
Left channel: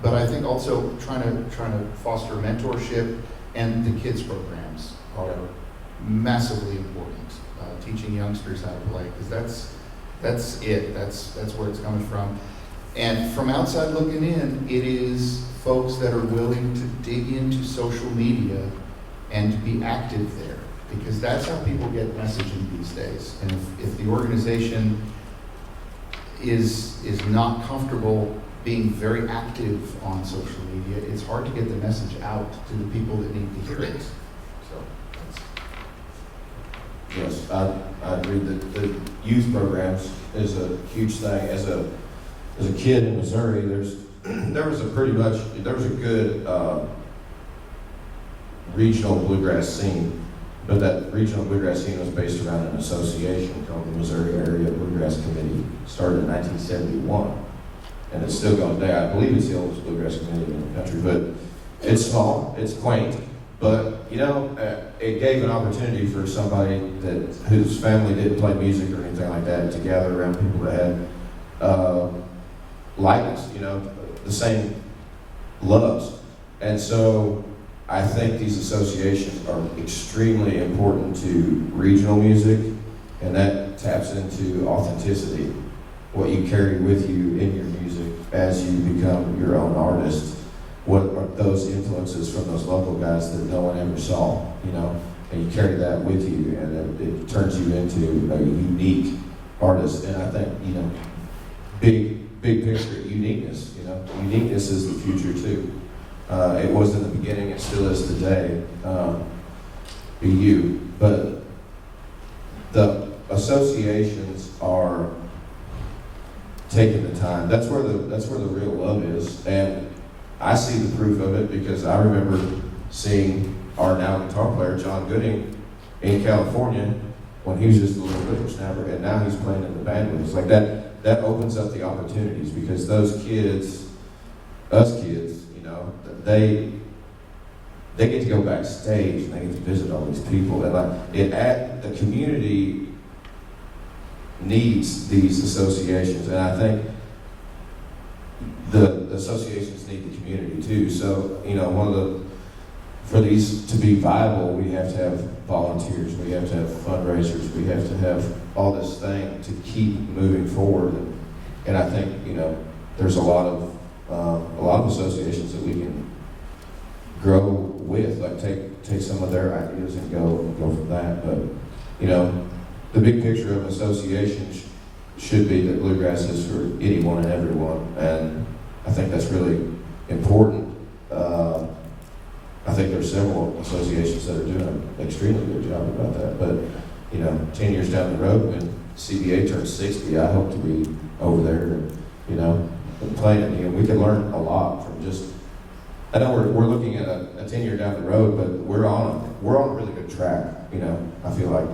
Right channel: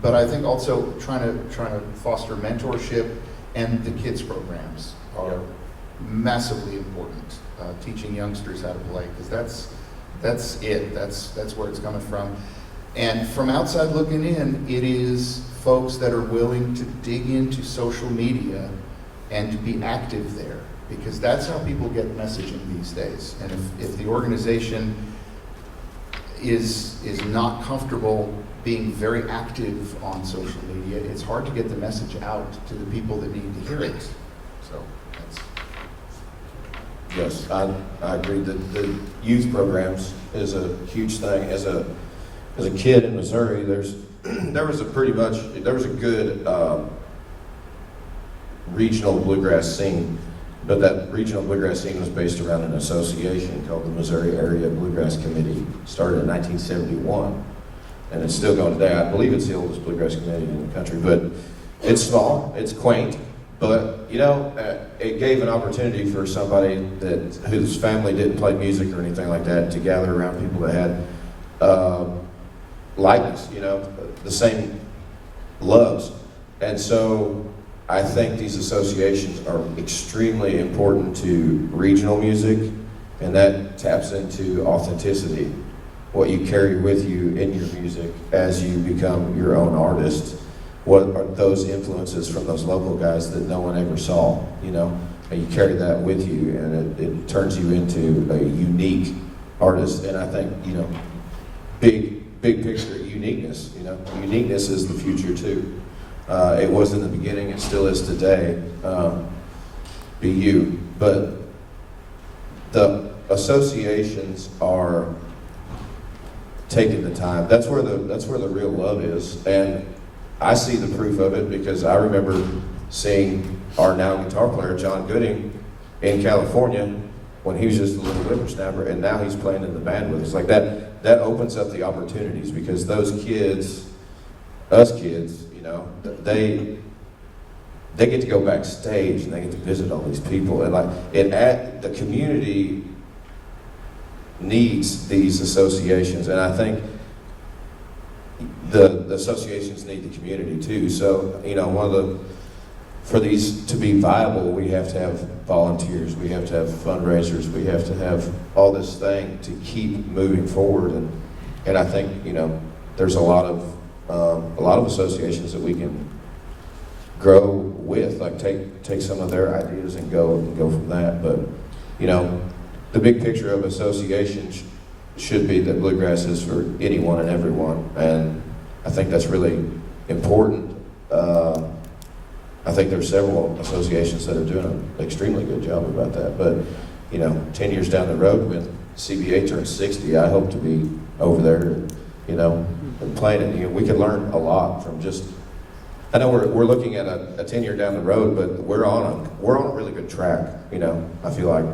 But I think also trying to foster mentorship, and the kids programs are massively important. Teaching youngsters how to play, because that's where it's coming from. And from outside looking in, it is folks that are willing to dig into social media and to be active there, because that's how people get messaging these days. And if the organization is not comfortable being very active on social media, it's hard to get the message out to the people that need to hear it. So Yes, I agree that the youth programs is a huge thing. As a kid in Missouri, there was a good regional bluegrass scene, but that regional bluegrass scene was based around an association called the Missouri Area Bluegrass Committee. Started in 1971, and it's still going today. I believe it's the oldest bluegrass committee in the country, but it's small, it's quaint. But, it gave an opportunity for somebody whose family didn't play music or anything like that to gather around people that had likeness, the same loves. And so I think these associations are extremely important to regional music, and that taps into authenticity, what you carry with you in your music as you become your own artist. What are those influences from those local guys that no one ever saw, and you carry that with you, and it turns you into a unique artist. And I think, big picture uniqueness, uniqueness is the future too. It was in the beginning, it still is today. Be you. But the associations are taking the time. That's where the real love is. And I see the proof of it because I remember seeing our now guitar player, John Gooding, in California when he was just a little whippersnapper, and now he's playing in the band with us. Like that opens up the opportunities, because those kids, us kids, they get to go backstage and they get to visit all these people, and the community needs these associations, and I think the associations need the community too. So, for these to be viable, we have to have volunteers, we have to have fundraisers, we have to have all this thing to keep moving forward. And I think, there's a lot of associations that we can grow with, like take some of their ideas and go from that. But, the big picture of associations should be that Bluegrass is for anyone and everyone, and I think that's really important. I think there are several associations that are doing an extremely good job about that, but 10 years down the road when CBA turns 60, I hope to be over there, playing it. We can learn a lot from just, I know we're looking at a 10-year down the road, but we're on a really good track, I feel like.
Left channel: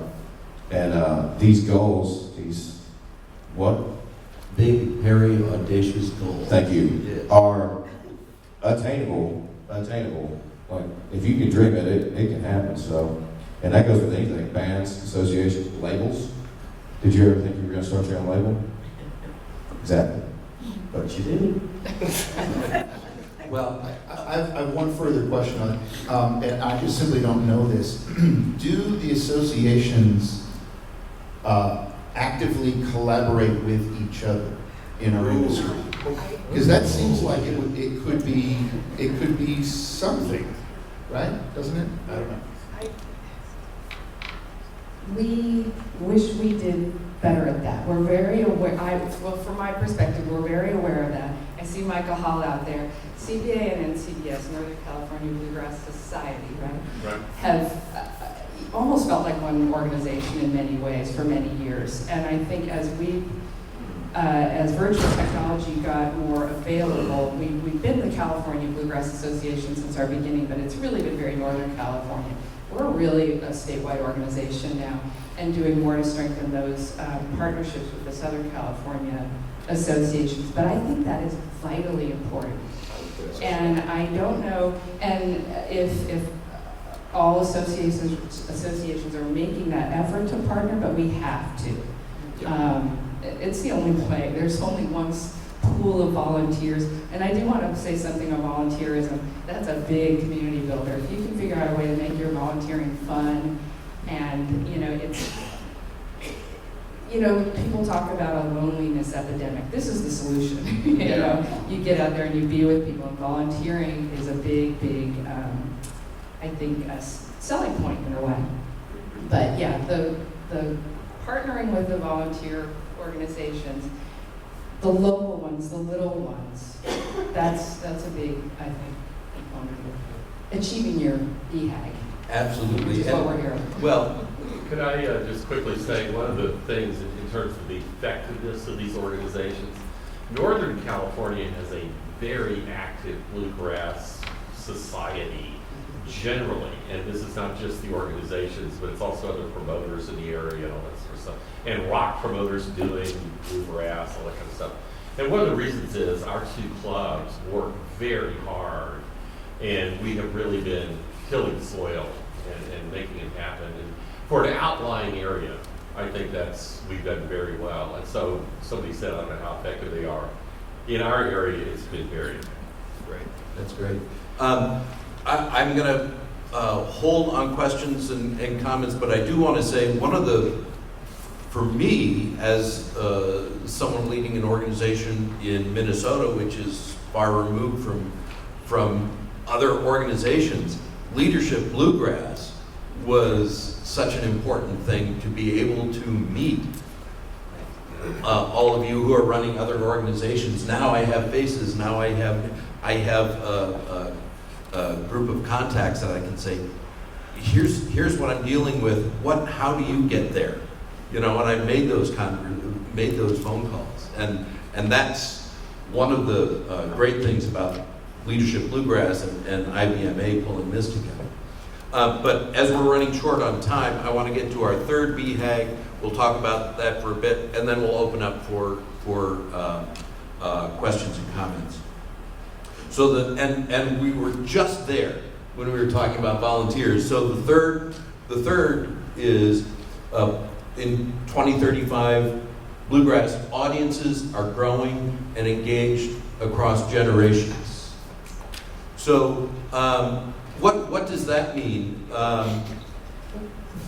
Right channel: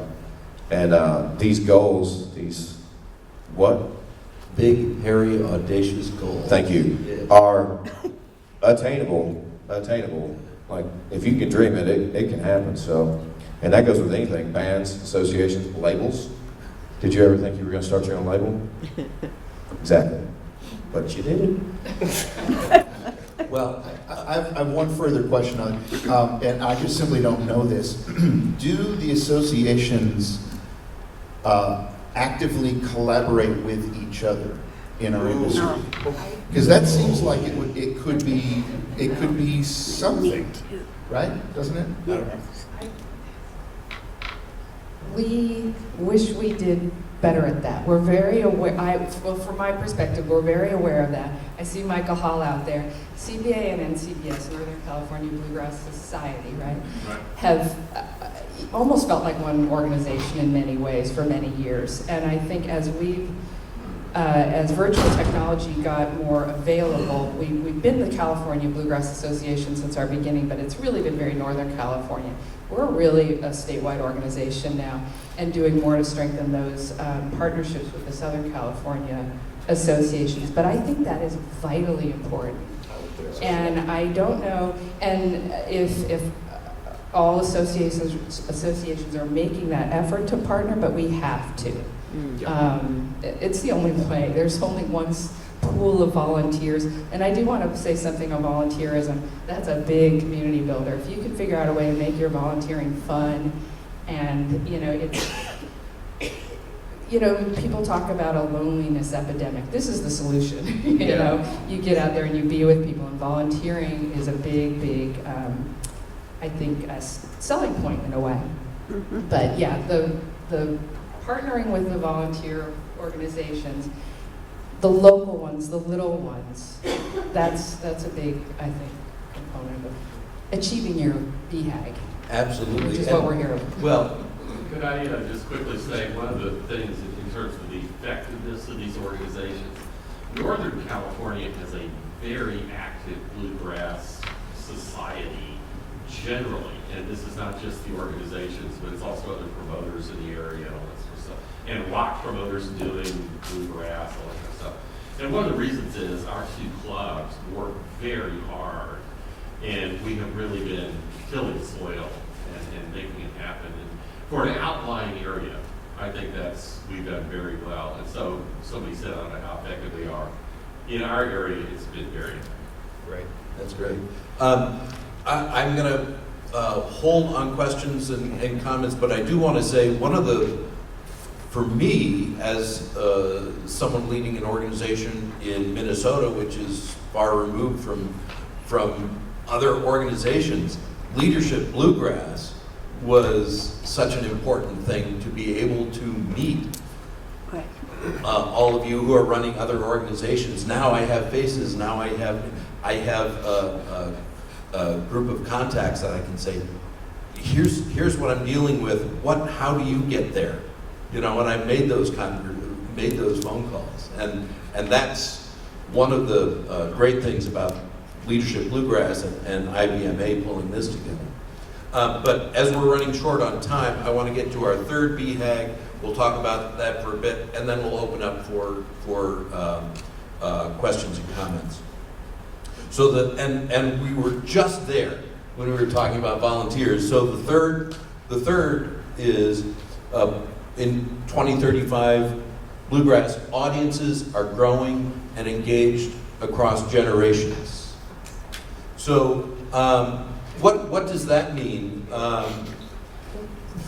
And these goals, Big, hairy, audacious goals. thank you, Yes. are attainable. Like, if you can dream it, it can happen. So, and that goes with anything, bands, associations, labels. Did you ever think you were going to start your own label? Exactly. But you did. Well, I have one further question on it, and I just simply don't know this. Do the associations actively collaborate with each other in our industry? Because that seems like it could be something, right? Doesn't it? I don't know. We wish we did better at that. We're very aware, well, from my perspective, we're very aware of that. I see Michael Hall out there. CBA and NCBS, Northern California Bluegrass Society, right? Have almost felt like one organization in many ways for many years. And I think as virtual technology got more available, we've been the California Bluegrass Association since our beginning, but it's really been very Northern California. We're really a statewide organization now and doing more to strengthen those partnerships with the Southern California associations. But I think that is vitally important. And I don't know, and if all associations are making that effort to partner, but we have to. It's the only way. There's only one pool of volunteers. And I do want to say something on volunteerism. That's a big community builder. If you can figure out a way to make your volunteering fun, and people talk about a loneliness epidemic. This is the solution. You get out there and you be with people, and volunteering is a big, I think, a selling point in a way. But yeah, the partnering with the volunteer organizations, the local ones, the little ones, that's a big, I think, component of achieving your BHAG. absolutely. Which is what we're here. Well, Could I just quickly say, one of the things in terms of the effectiveness of these organizations, Northern California has a very active bluegrass society generally, and this is not just the organizations, but it's also other promoters in the area and all that sort of stuff, and rock promoters doing bluegrass, all that kind of stuff. And one of the reasons is our two clubs work very hard, and we have really been tilling soil and making it happen. And for an outlying area, I think we've done very well. And so somebody said, I don't know how effective they are. In our area, it's been very great. That's great. I'm going to hold on questions and comments, but I do want to say for me, as someone leading an organization in Minnesota, which is far removed from other organizations, Leadership Bluegrass was such an important thing to be able to meet all of you who are running other organizations. Now I have faces. Now I have a group of contacts that I can say, here's what I'm dealing with. How do you get there? And I made those phone calls, and that's one of the great things about Leadership Bluegrass and IBMA pulling this together. But as we're running short on time, I want to get to our third BHAG. We'll talk about that for a bit, and then we'll open up for questions and comments. So and we were just there when we were talking about volunteers. So the third is in 2035, Bluegrass audiences are growing and engaged across generations. So what does that mean?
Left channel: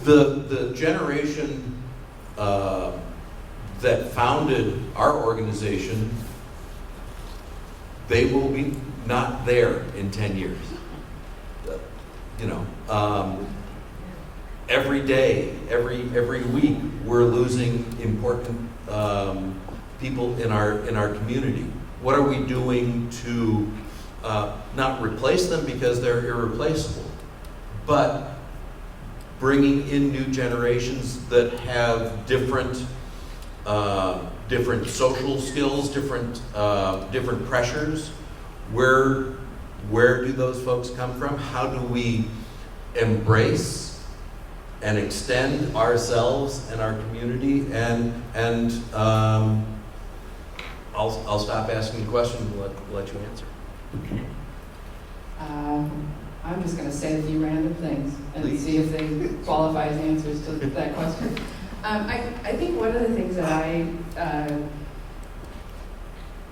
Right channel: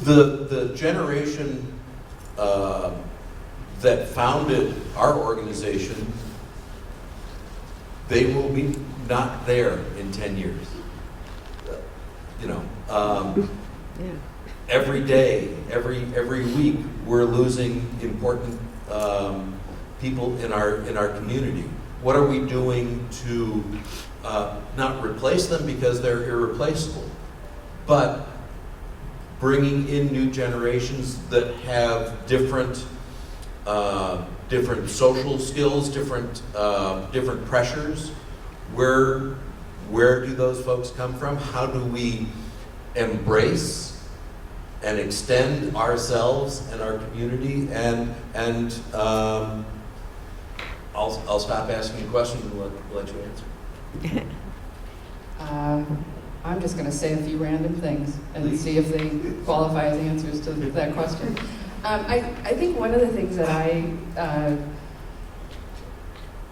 The generation that founded our organization, they will be not there in 10 years. Every day, every week, we're losing important people in our community? What are we doing to not replace them because they're irreplaceable, but bringing in new generations that have different social skills, different pressures? Where do those folks come from? How do we embrace and extend ourselves and our community? And I'll stop asking you questions and let you answer. I'm just going to say a few random things and Please. see if they qualify as answers to that question. I think one of the things that I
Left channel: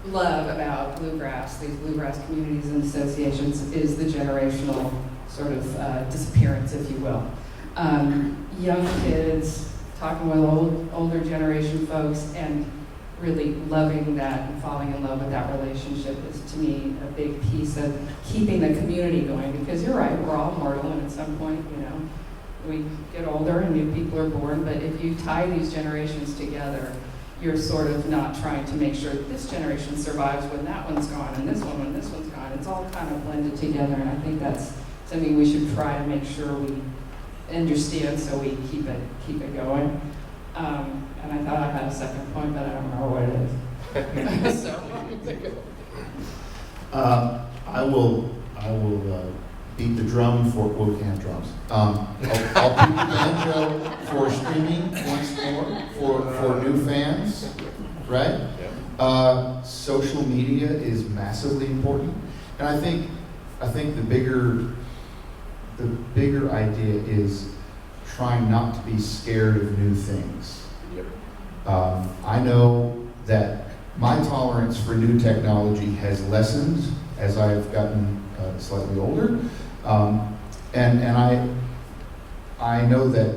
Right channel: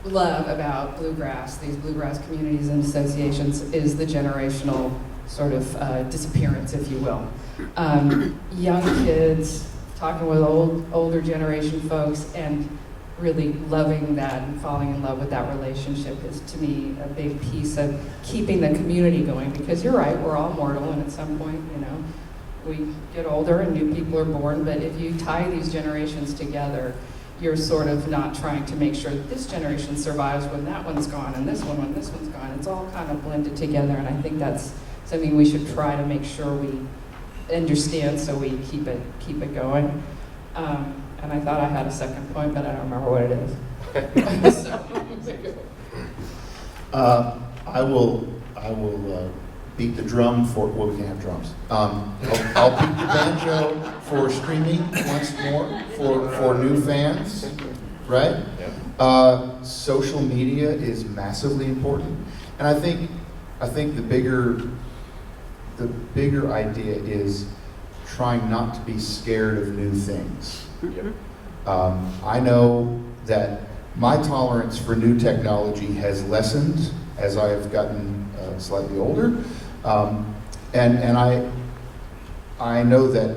love about Bluegrass, these Bluegrass communities and associations, is the generational sort of disappearance, if you will. Young kids talking with older generation folks and really loving that and falling in love with that relationship is, to me, a big piece of keeping the community going. Because you're right, we're all mortal, and at some point, we get older and new people are born. But if you tie these generations together, you're sort of not trying to make sure that this generation survives when that one's gone, and this one when this one's gone. It's all kind of blended together, and I think that's something we should try to make sure we understand, so we keep it going. And I thought I had a second point, but I don't remember what it is. So, I will beat the drum for, well, we can't have drums. I'll beat the banjo for streaming once more for new fans, right? Social media is massively important, and I think the bigger idea is trying not to be scared of new things. Yep. I know that my tolerance for new technology has lessened as I have gotten slightly older, and I know that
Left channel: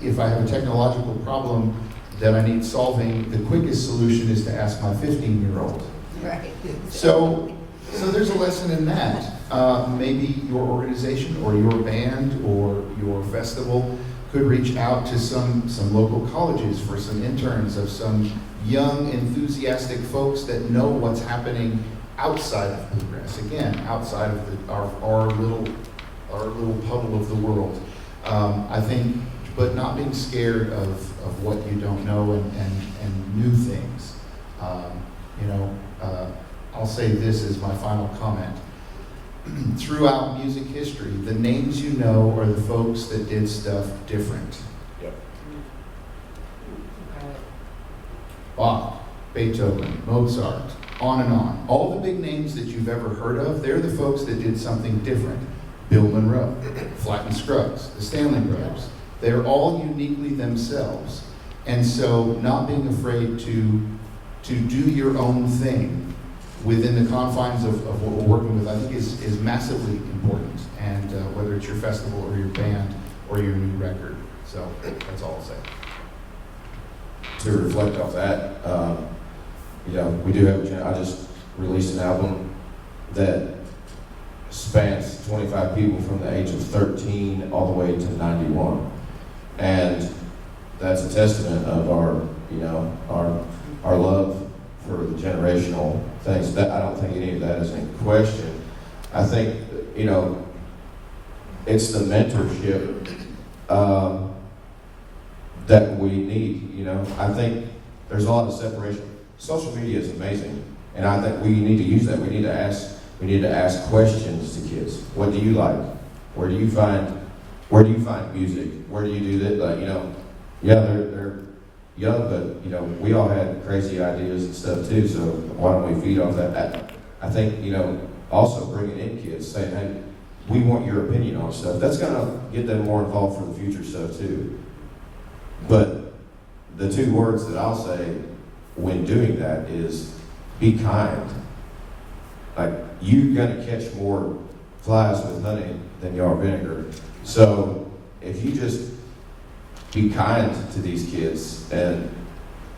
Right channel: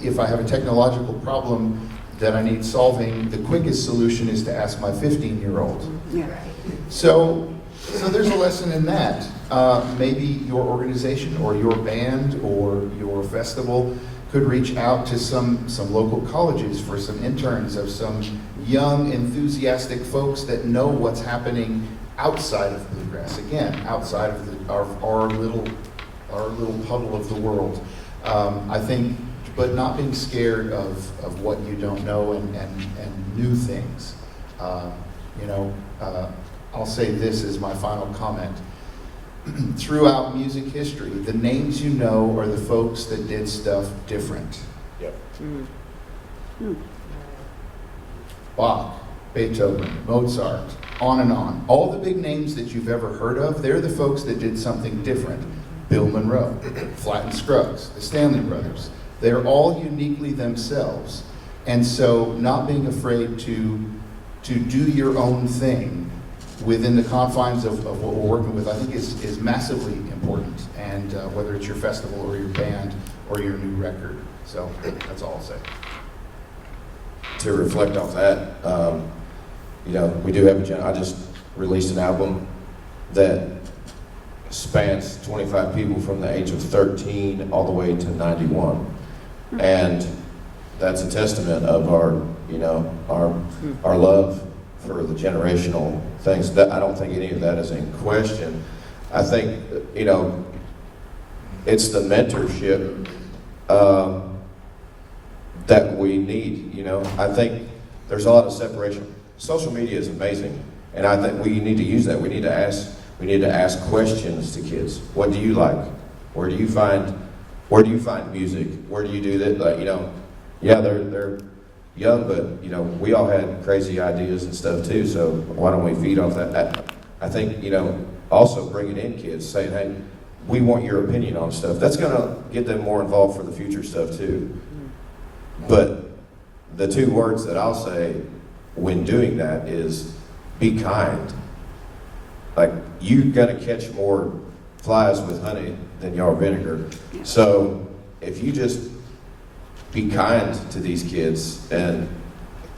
if I have a technological problem that I need solving, the quickest solution is to ask my 15-year-old. Right. So there's a lesson in that. Maybe your organization or your band or your festival could reach out to some local colleges for some interns of some young, enthusiastic folks that know what's happening outside of Bluegrass. Again, outside of our little puddle of the world. I think, but not being scared of what you don't know and new things. I'll say this as my final comment. Throughout music history, the names you know are the folks that did stuff different. Yep. Bach, Beethoven, Mozart, on and on. All the big names that you've ever heard of, they're the folks that did something different. Bill Monroe, Flatt and Scruggs, the Stanley Brothers. They're all uniquely themselves. And so not being afraid to do your own thing within the confines of what we're working with, I think is massively important. And whether it's your festival or your band or your new record. So that's all I'll say. To reflect off that, we do have I just released an album that spans 25 people from the age of 13 all the way to 91. And that's a testament of our love for the generational things. That I don't think any of that is in question. I think, it's the mentorship that we need. I think there's a lot of separation. Social media is amazing, and I think we need to use that. We need to ask questions to kids. What do you like? Where do you find music? Where do you do that? They're young, but we all had crazy ideas and stuff too. So why don't we feed off that? I think also bringing in kids, saying, hey, we want your opinion on stuff. That's gonna get them more involved for the future stuff too. But the two words that I'll say when doing that is be kind. Like, you're gonna catch more flies with honey than you are vinegar. So if you just be kind to these kids and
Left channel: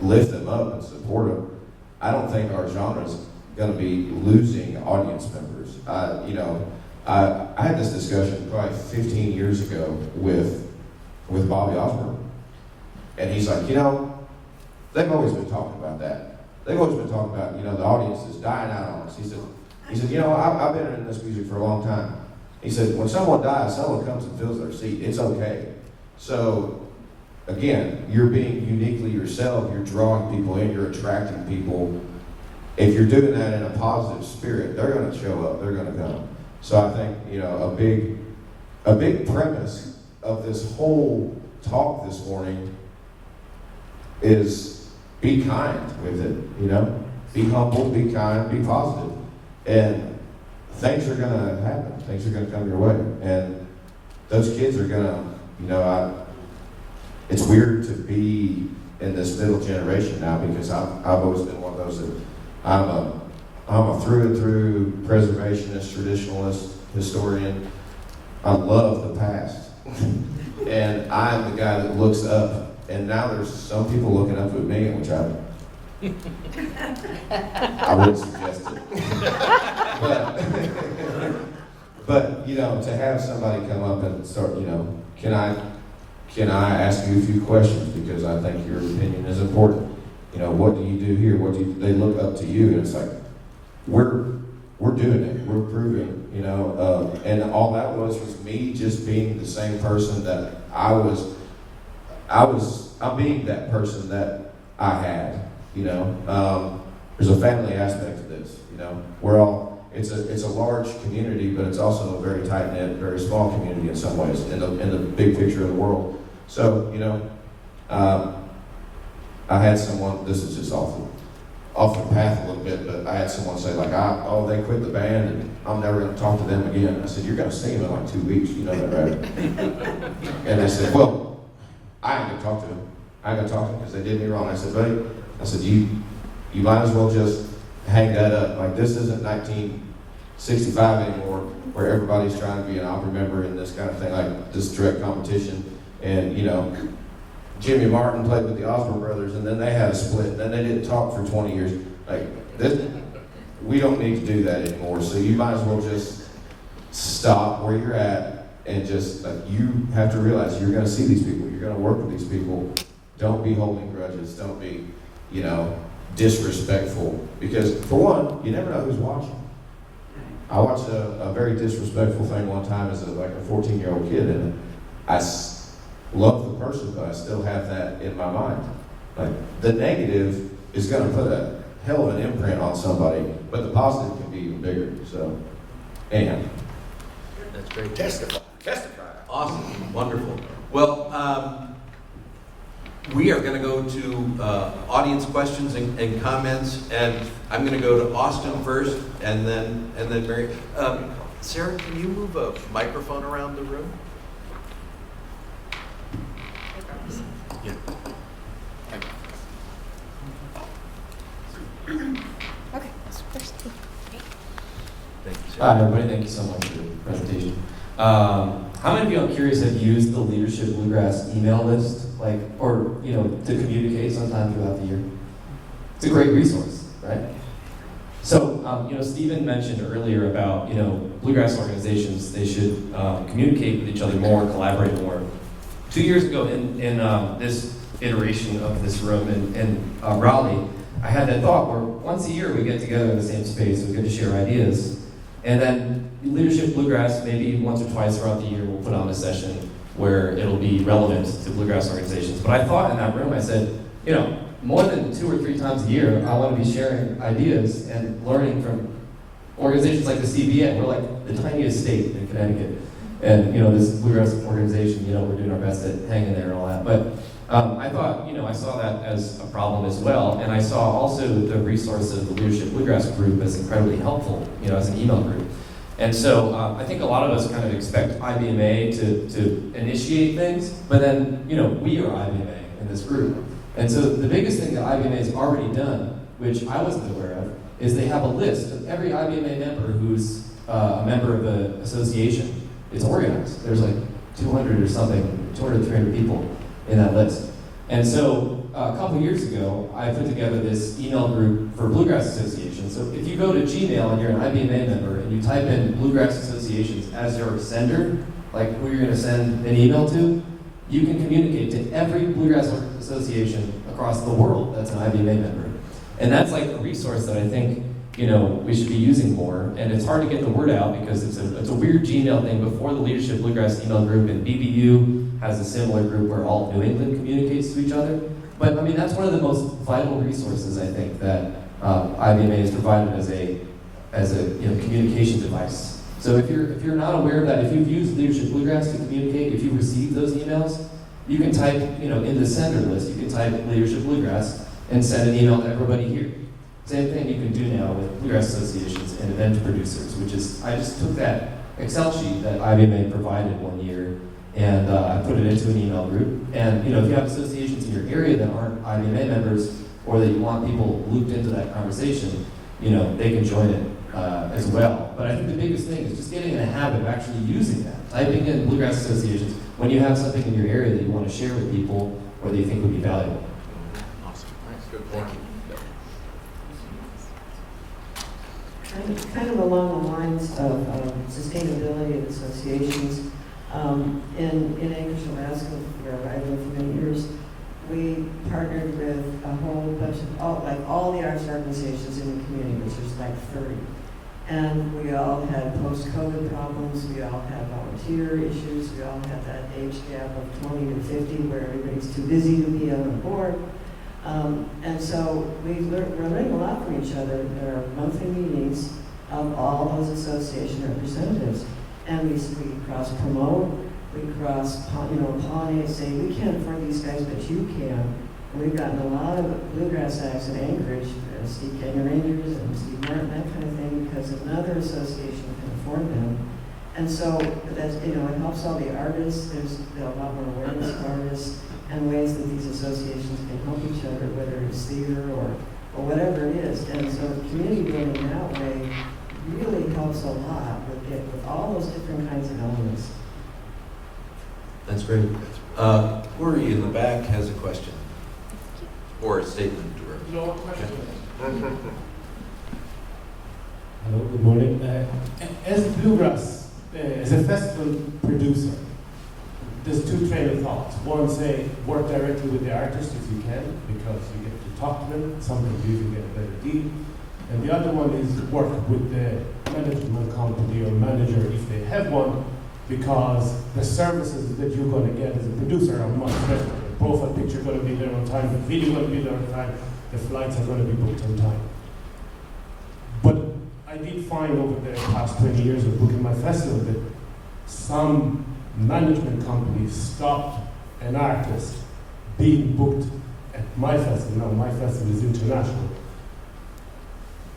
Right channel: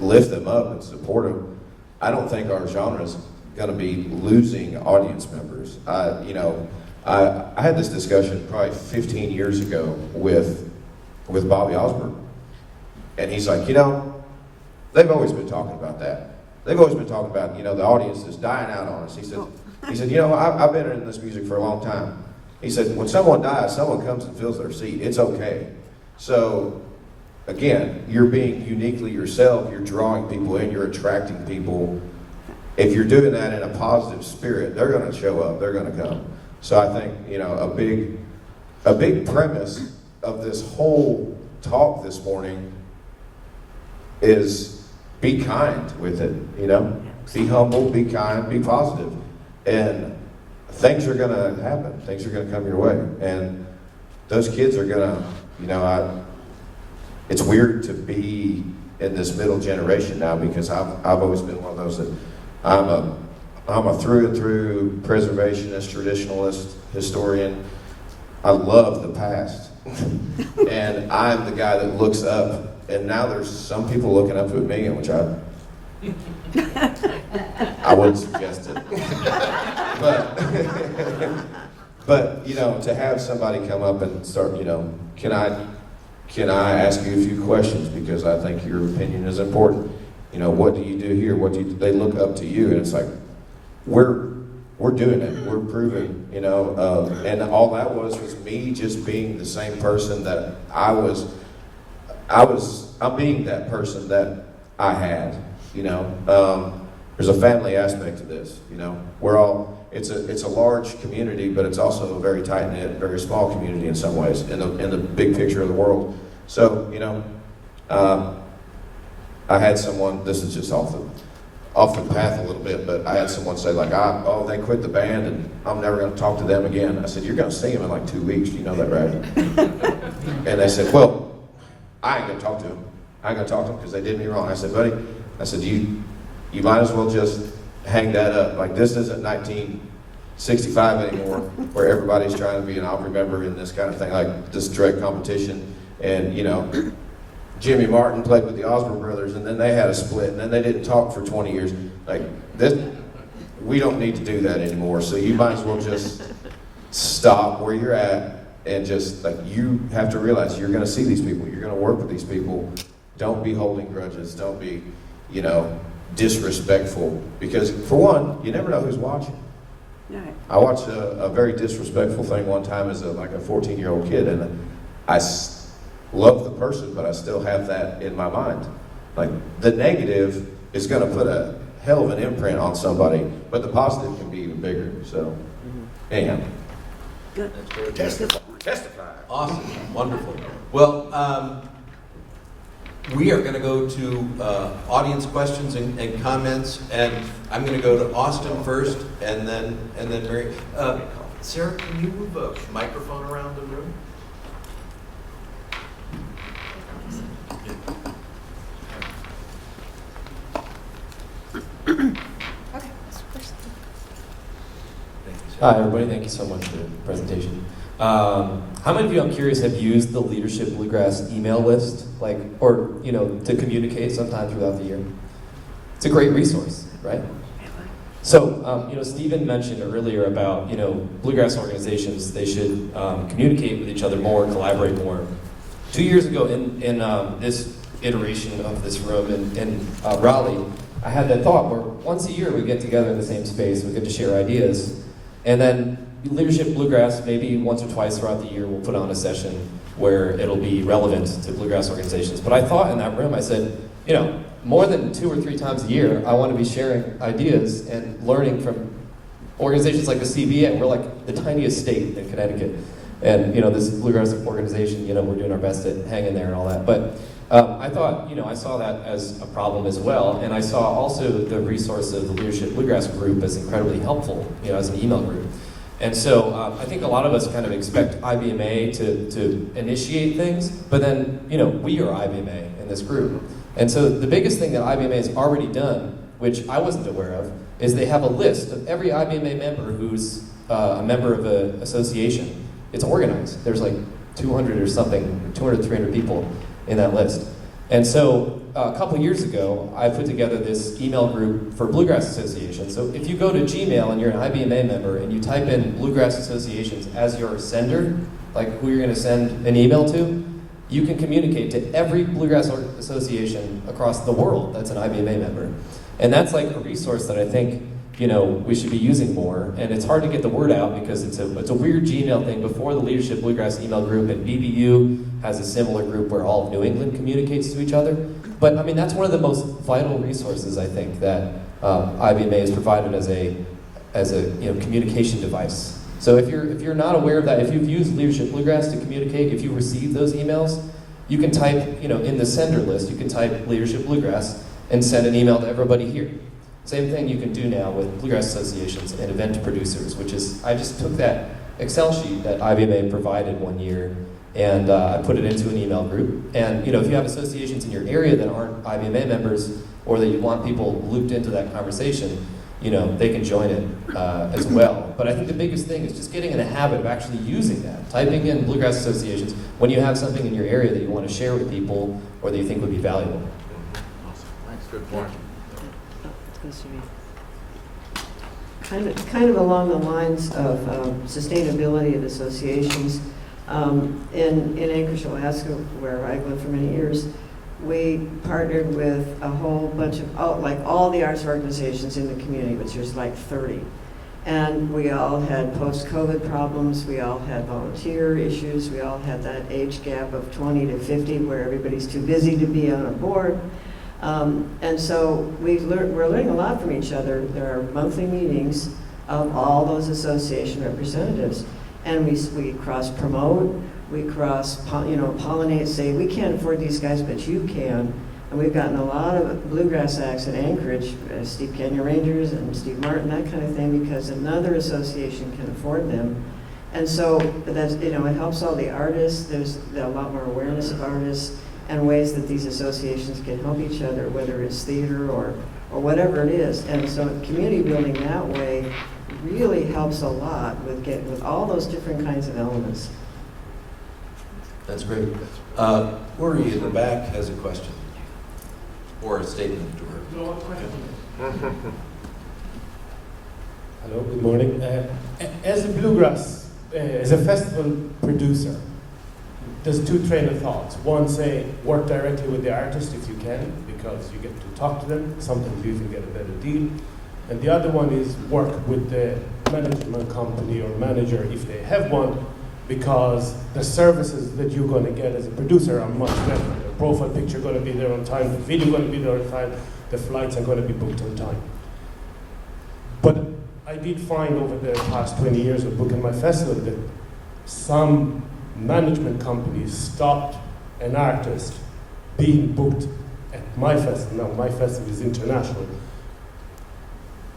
lift them up and support them, I don't think our genre is gonna be losing audience members. I had this discussion probably 15 years ago with Bobby Osborne. And he's like, they've always been talking about that. They've always been talking about, the audience is dying out on us. He said, I've been in this music for a long time. He said, when someone dies, someone comes and fills their seat. It's okay. So, again, you're being uniquely yourself. You're drawing people in. You're attracting people. If you're doing that in a positive spirit, they're going to show up. They're going to come. So I think, a big premise of this whole talk this morning is be kind with it, Be humble, be kind, be positive. And things are going to happen. Things are going to come your way. And those kids are going to, it's weird to be in this middle generation now because I've always been one of those that I'm a through and through preservationist, traditionalist, historian. I love the past. And I'm the guy that looks up. And now there's some people looking up to me, which I wouldn't suggest it. but to have somebody come up and start, can I ask you a few questions because I think your opinion is important. What do you do here? They look up to you, and it's like we're doing it. We're proving, and all that was me just being the same person that I'm being that person that I had, There's a family aspect to this, We're all, it's a large community, but it's also a very tight-knit, very small community in some ways, in the big picture of the world. So, I had someone, this is just off the path a little bit, but I had someone say they quit the band and I'm never going to talk to them again. I said, you're going to see them in like 2 weeks, you know that, right? And they said, well, I ain't going to talk to them. I ain't going to talk to them because they did me wrong. I said, buddy, you might as well just hang that up. Like, this isn't 1965 anymore where everybody's trying to be an Opry member and this kind of thing, like this direct competition. And, Jimmy Martin played with the Osborne Brothers, and then they had a split, and then they didn't talk for 20 years. Like, we don't need to do that anymore. So you might as well just stop where you're at and just, you have to realize you're going to see these people. You're going to work with these people. Don't be holding grudges. Don't be, disrespectful. Because, for one, you never know who's watching. I watched a very disrespectful thing one time as a 14-year-old kid, and I love the person, but I still have that in my mind. Like, the negative is going to put a hell of an imprint on somebody, but the positive can be even bigger. So, anyhow. That's great. Testify. Awesome. Wonderful. Well, we are going to go to audience questions and comments, and I'm going to go to Austin first, and then Mary. Sarah, can you move a microphone around the room? Yeah. Okay, that's first. Thank you, Hi, Sarah. everybody. Thank you so much for the presentation. How many of you, I'm curious, have used the Leadership Bluegrass email list, to communicate sometime throughout the year? It's a great resource, right? So, Stephen mentioned earlier about, Bluegrass organizations, they should communicate with each other more, collaborate more. 2 years ago in this iteration of this room in Raleigh, I had that thought where once a year we get together in the same space, we get to share ideas, and then Leadership Bluegrass, maybe once or twice throughout the year, we'll put on a session where it'll be relevant to Bluegrass organizations. But I thought in that room, I said, more than 2 or 3 times a year, I want to be sharing ideas and learning from organizations like the CBA. We're like the tiniest state in Connecticut. And, this Bluegrass organization, we're doing our best at hanging there and all that. But I thought, I saw that as a problem as well. And I saw also the resource of the Leadership Bluegrass group as incredibly helpful, as an email group. And so I think a lot of us kind of expect IBMA to initiate things, but then, we are IBMA in this group. And so the biggest thing that IBMA has already done, which I wasn't aware of, is they have a list of every IBMA member who's a member of an association. It's organized. There's like 200 or something, 200, 300 people in that list. And so a couple years ago, I put together this email group for Bluegrass Association. So if you go to Gmail and you're an IBMA member and you type in Bluegrass Associations as your sender, like who you're going to send an email to, you can communicate to every Bluegrass association across the world that's an IBMA member. And that's like a resource that I think, you know, we should be using more. And it's hard to get the word out because it's a weird Gmail thing. Before the Leadership Bluegrass email group, and BBU has a similar group where all of New England communicates to each other. But I mean, that's one of the most vital resources I think that IBMA has provided as a communication device. So if you're not aware of that, if you've used Leadership Bluegrass to communicate, if you receive those emails, you can type, in the sender list, you can type Leadership Bluegrass and send an email to everybody here. Same thing you can do now with Bluegrass associations and event producers, which is, I just took that Excel sheet that IBMA provided one year and I put it into an email group. And if you have associations in your area that aren't IBMA members or that you want people looped into that conversation, they can join it as well. But I think the biggest thing is just getting in a habit of actually using that. Typing in Bluegrass associations when you have something in your area that you want to share with people or that you think would be valuable. Awesome. Nice, good point. Kind of along the lines of sustainability of associations. In Anchorage, Alaska, where I lived for many years, we partnered with a whole bunch of, all the arts organizations in the community, which was like 30. And we all had post-COVID problems, we all had volunteer issues, we all had that age gap of 20 to 50 where everybody's too busy to be on a board. And so we're learning a lot from each other. There are monthly meetings of all those association representatives. And we cross-promote, we pollinate, say, we can't afford these guys, but you can. And we've gotten a lot of bluegrass acts in Anchorage, Steve Canyon Rangers and Steve Martin, that kind of thing, because another association can afford them. And so that's, it helps all the artists. There's a lot more awareness of artists and ways that these associations can help each other, whether it's theater or whatever it is. And so community building that way really helps a lot with all those different kinds of elements. That's great. Uri in the back has a question or a statement. Hello, good morning. As a Bluegrass, as a festival producer, there's two train of thoughts. One, say, work directly with the artist if you can, because you get to talk to them. Sometimes you can get a better deal. And the other one is work with the management company or manager if they have one, because the services that you're going to get as a producer are much better. The profile picture is going to be there on time, the video is going to be there on time, the flights are going to be booked on time. But I did find over the past 20 years of booking my festival that some management companies stopped an artist being booked at my festival. Now, my festival is international.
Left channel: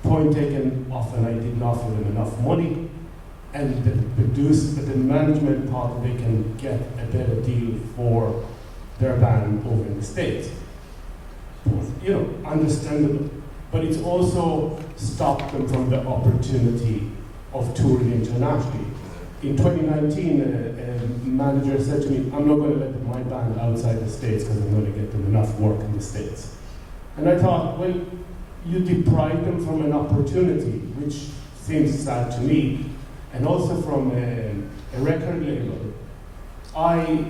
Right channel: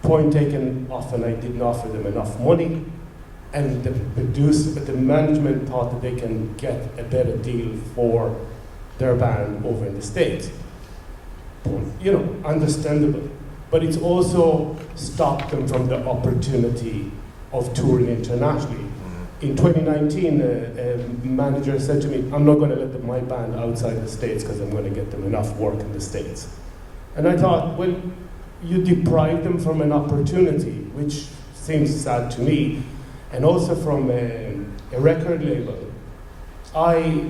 Point taken, often I didn't offer them enough money, and the management thought that they can get a better deal for their band over in the States. Understandable. But it's also stopped them from the opportunity of touring internationally. In 2019, a manager said to me, I'm not going to let my band outside the States because I'm going to get them enough work in the States. And I thought, well, you deprive them from an opportunity, which seems sad to me, and also from a record label.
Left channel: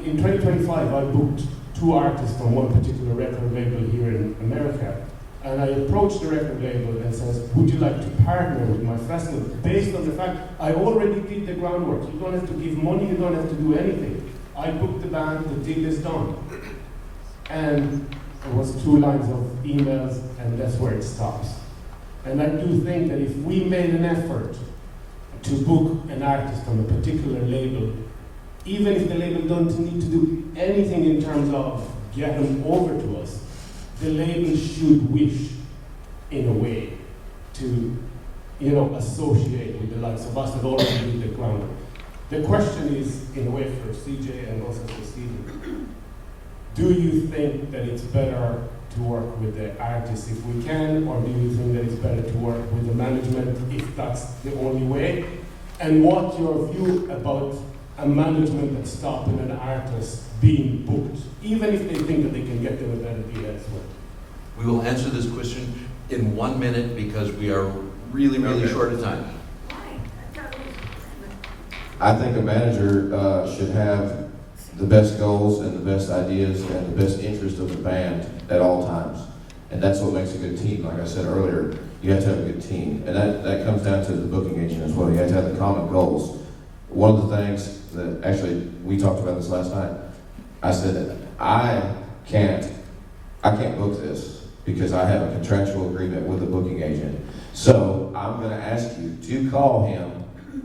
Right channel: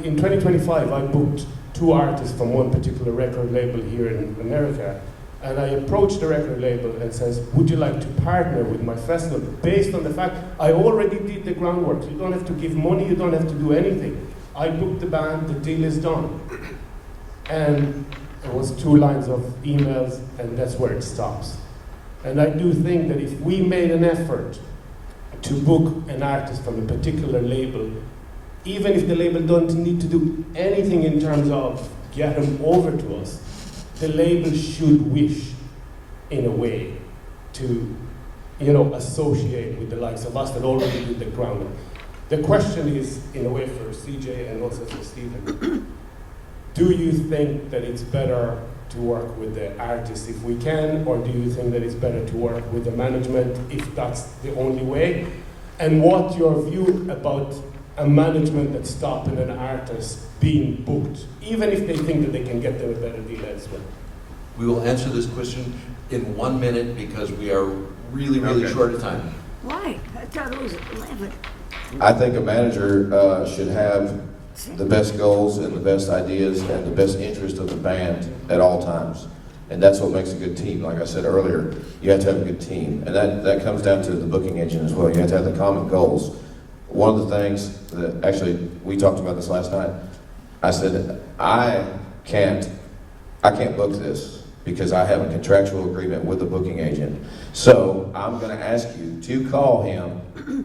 In 2025, I booked 2 artists from one particular record label here in America, and I approached the record label and says, would you like to partner with my festival? Based on the fact I already did the groundwork. You don't have to give money, you don't have to do anything. I booked the band, the deal is done. And there was 2 lines of emails, and that's where it stops. And I do think that if we made an effort to book an artist from a particular label, even if the label doesn't need to do anything in terms of get them over to us, the label should wish, in a way, to associate with the likes of us that already do the groundwork. The question is, in a way, for CJ and also for Stephen, do you think that it's better to work with the artist if we can, or do you think that it's better to work with the management if that's the only way? And what's your view about a management that's stopping an artist being booked, even if they think that they can get them a better deal elsewhere? We will answer this question in 1 minute because we are really, really short of time. Why? I thought it was 11. I think a manager should have the best goals and the best ideas and the best interest of the band at all times. And that's what makes a good team. Like I said earlier, you have to have a good team. And that comes down to the booking agent as well. You have to have the common goals. One of the things that, actually, we talked about this last night, I said, I can't book this because I have a contractual agreement with the booking agent. So I'm gonna ask you to call him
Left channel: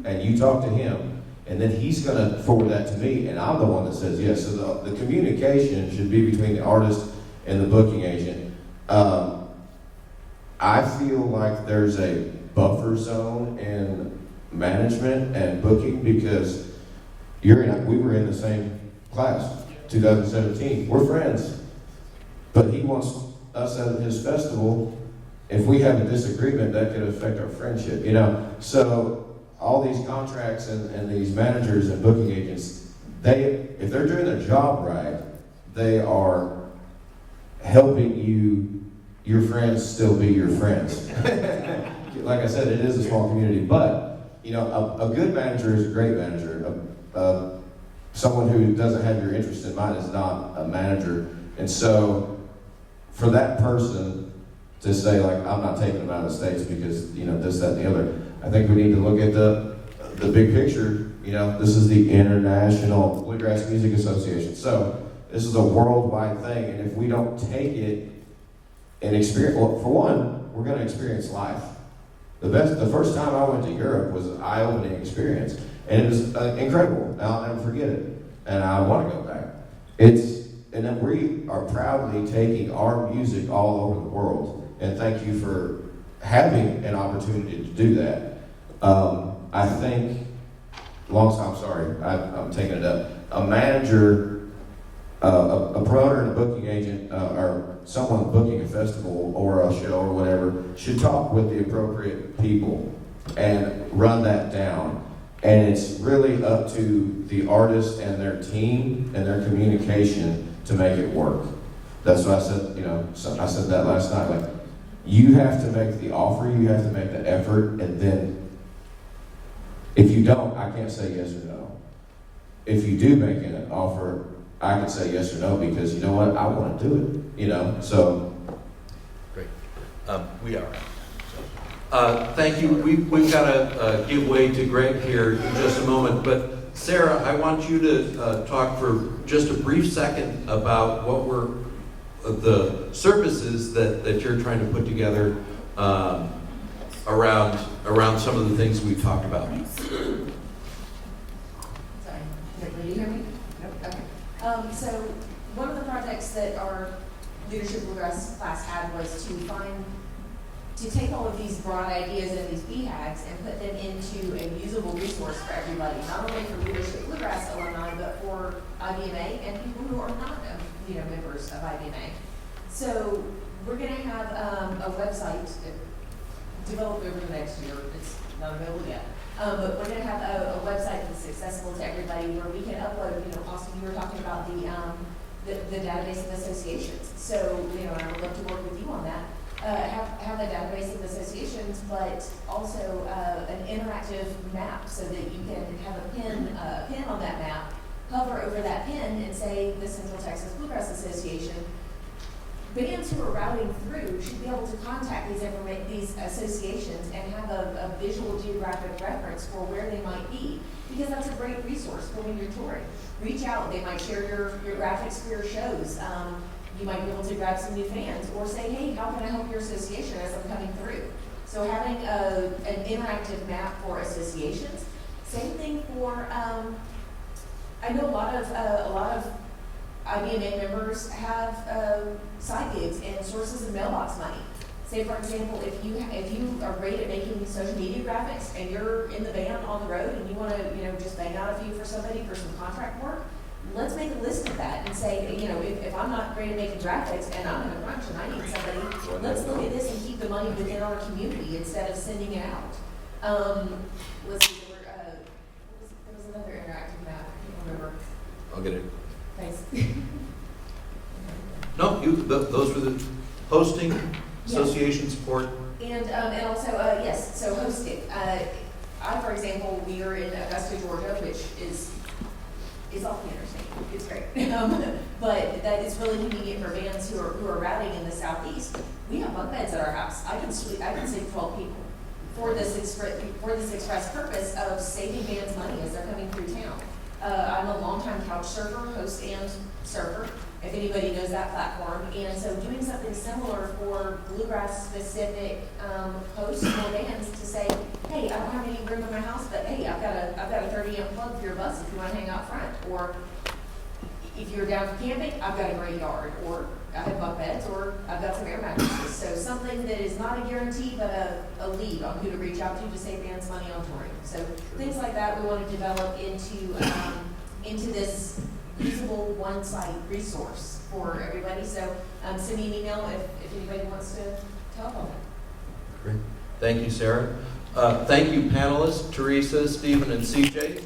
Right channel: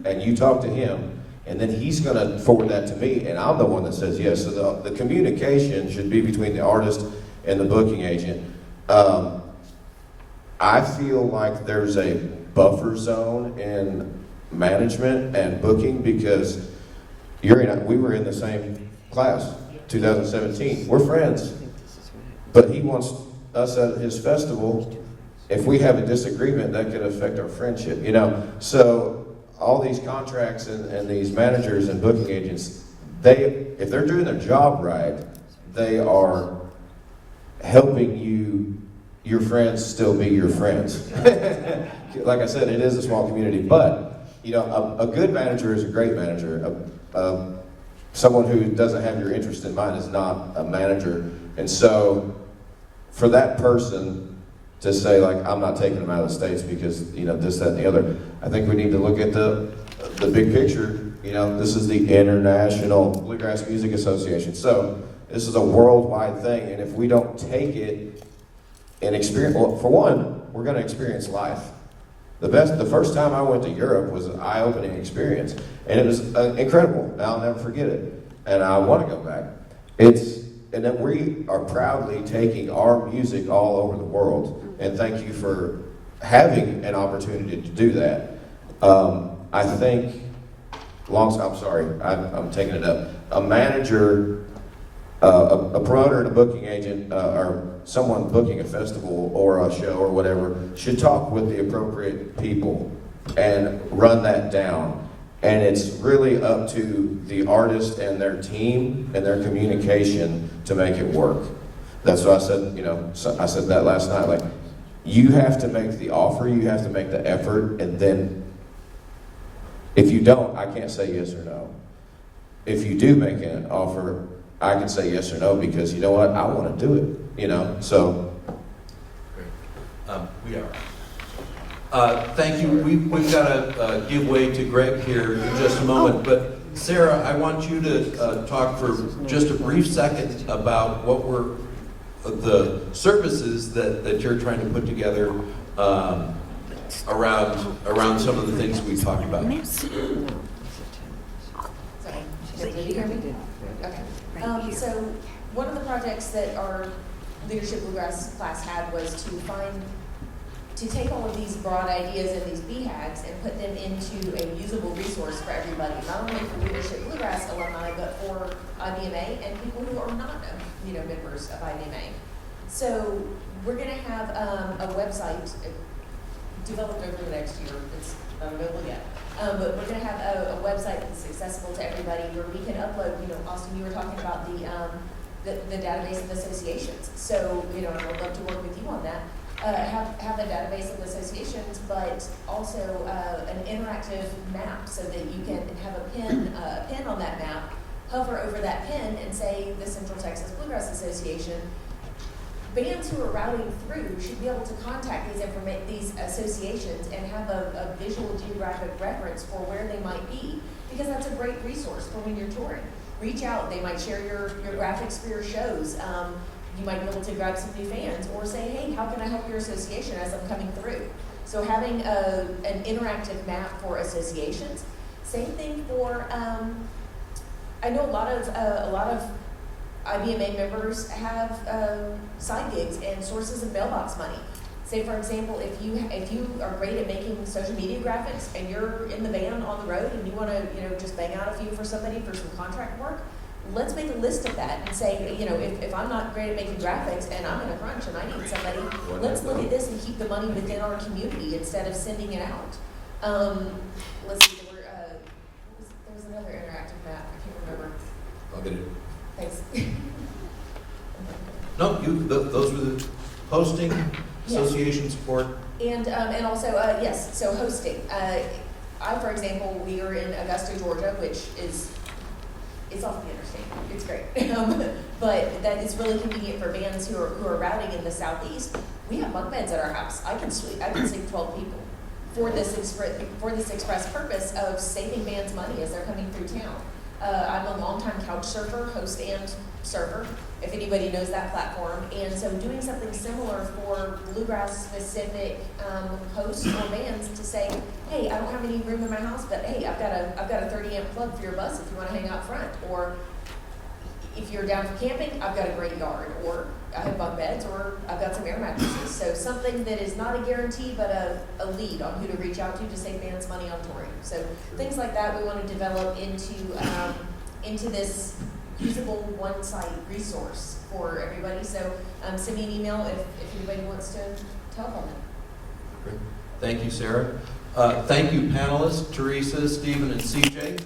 and you talk to him, and then he's gonna forward that to me, and I'm the one that says yes. So the communication should be between the artist and the booking agent. I feel like there's a buffer zone in management and booking because we were in the same class, 2017. We're friends, but he wants us at his festival. If we have a disagreement, that could affect our friendship, you know? So all these contracts and these managers and booking agents, if they're doing their job right, they are helping your friends still be your friends. Like I said, it is a small community, but you know, a good manager is a great manager. Someone who doesn't have your interest in mind is not a manager. And so for that person to say, like, I'm not taking them out of the States because, you know, this, that, and the other, I think we need to look at the big picture. You know, this is the International Bluegrass Music Association. So this is a worldwide thing, and if we don't take it and experience, well, for one, we're going to experience life. The first time I went to Europe was an eye-opening experience, and it was incredible. And I'll never forget it, and I want to go back. And then we are proudly taking our music all over the world, and thank you for having an opportunity to do that. I think, I'm sorry, I'm taking it up. A manager, a promoter and a booking agent, or someone booking a festival or a show or whatever, should talk with the appropriate people and run that down. And it's really up to the artist and their team and their communication to make it work. That's what I said, you know, I said that last night, like, you have to make the offer, you have to make the effort, and then if you don't, I can't say yes or no. If you do make an offer, I can say yes or no because, you know what, I want to do it, you know, so. Great. We are. Thank you. We've got to give way to Greg here in just a moment, but Sarah, I want you to talk for just a brief second about what were the services that you're trying to put together around some of the things we talked about. So one of the projects that our Leadership Bluegrass class had was to take all of these broad ideas and these BHAGs and put them into a usable resource for everybody, not only for Leadership Bluegrass alumni, but for IBMA and people who are not, members of IBMA. So we're going to have a website developed over the next year. It's not available yet. But we're going to have a website that's accessible to everybody where we can upload, Austin, you were talking about the database of associations. So, and I would love to work with you on that. Have a database of associations, but also an interactive map so that you can have a pin on that map, hover over that pin and say the Central Texas Bluegrass Association. Bands who are routing through should be able to contact these associations and have a visual geographic reference for where they might be, because that's a great resource for when you're touring. Reach out, they might share your graphics for your shows. You might be able to grab some new fans or say, hey, how can I help your association as I'm coming through? So having an interactive map for associations. Same thing for, I know a lot of IBMA members have side gigs and sources of mailbox money. Say, for example, if you are great at making social media graphics and you're in the van on the road and you want to just bang out a few for somebody for some contract work, let's make a list of that and say, if I'm not great at making graphics and I'm in a crunch and I need somebody, let's look at this and keep the money within our community instead of sending it out. Let's see, there was another interactive map, I can't remember. I'll get it. Thanks. No, those were the hosting, association support. And also, yes, so hosting. For example, we are in Augusta, Georgia, which is off the interstate. But that is really convenient for bands who are routing in the southeast. We have bunk beds at our house. I can sleep 12 people for this express purpose of saving bands money as they're coming through town. I'm a longtime couch surfer, host and surfer, if anybody knows that platform. And so doing something similar for bluegrass specific hosts or bands to say, hey, I don't have any room in my house, but hey, I've got a 30 amp plug for your bus if you want to hang out front. Or if you're down for camping, I've got a great yard. Or I have bunk beds, or I've got some air mattresses. So something that is not a guarantee, but a lead on who to reach out to save bands money on touring. So things like that we want to develop into this usable one-site resource for everybody. So send me an email if anybody wants to help on it. Great. Thank you, Sarah. Thank you, panelists, Teresa, Stephen, and CJ.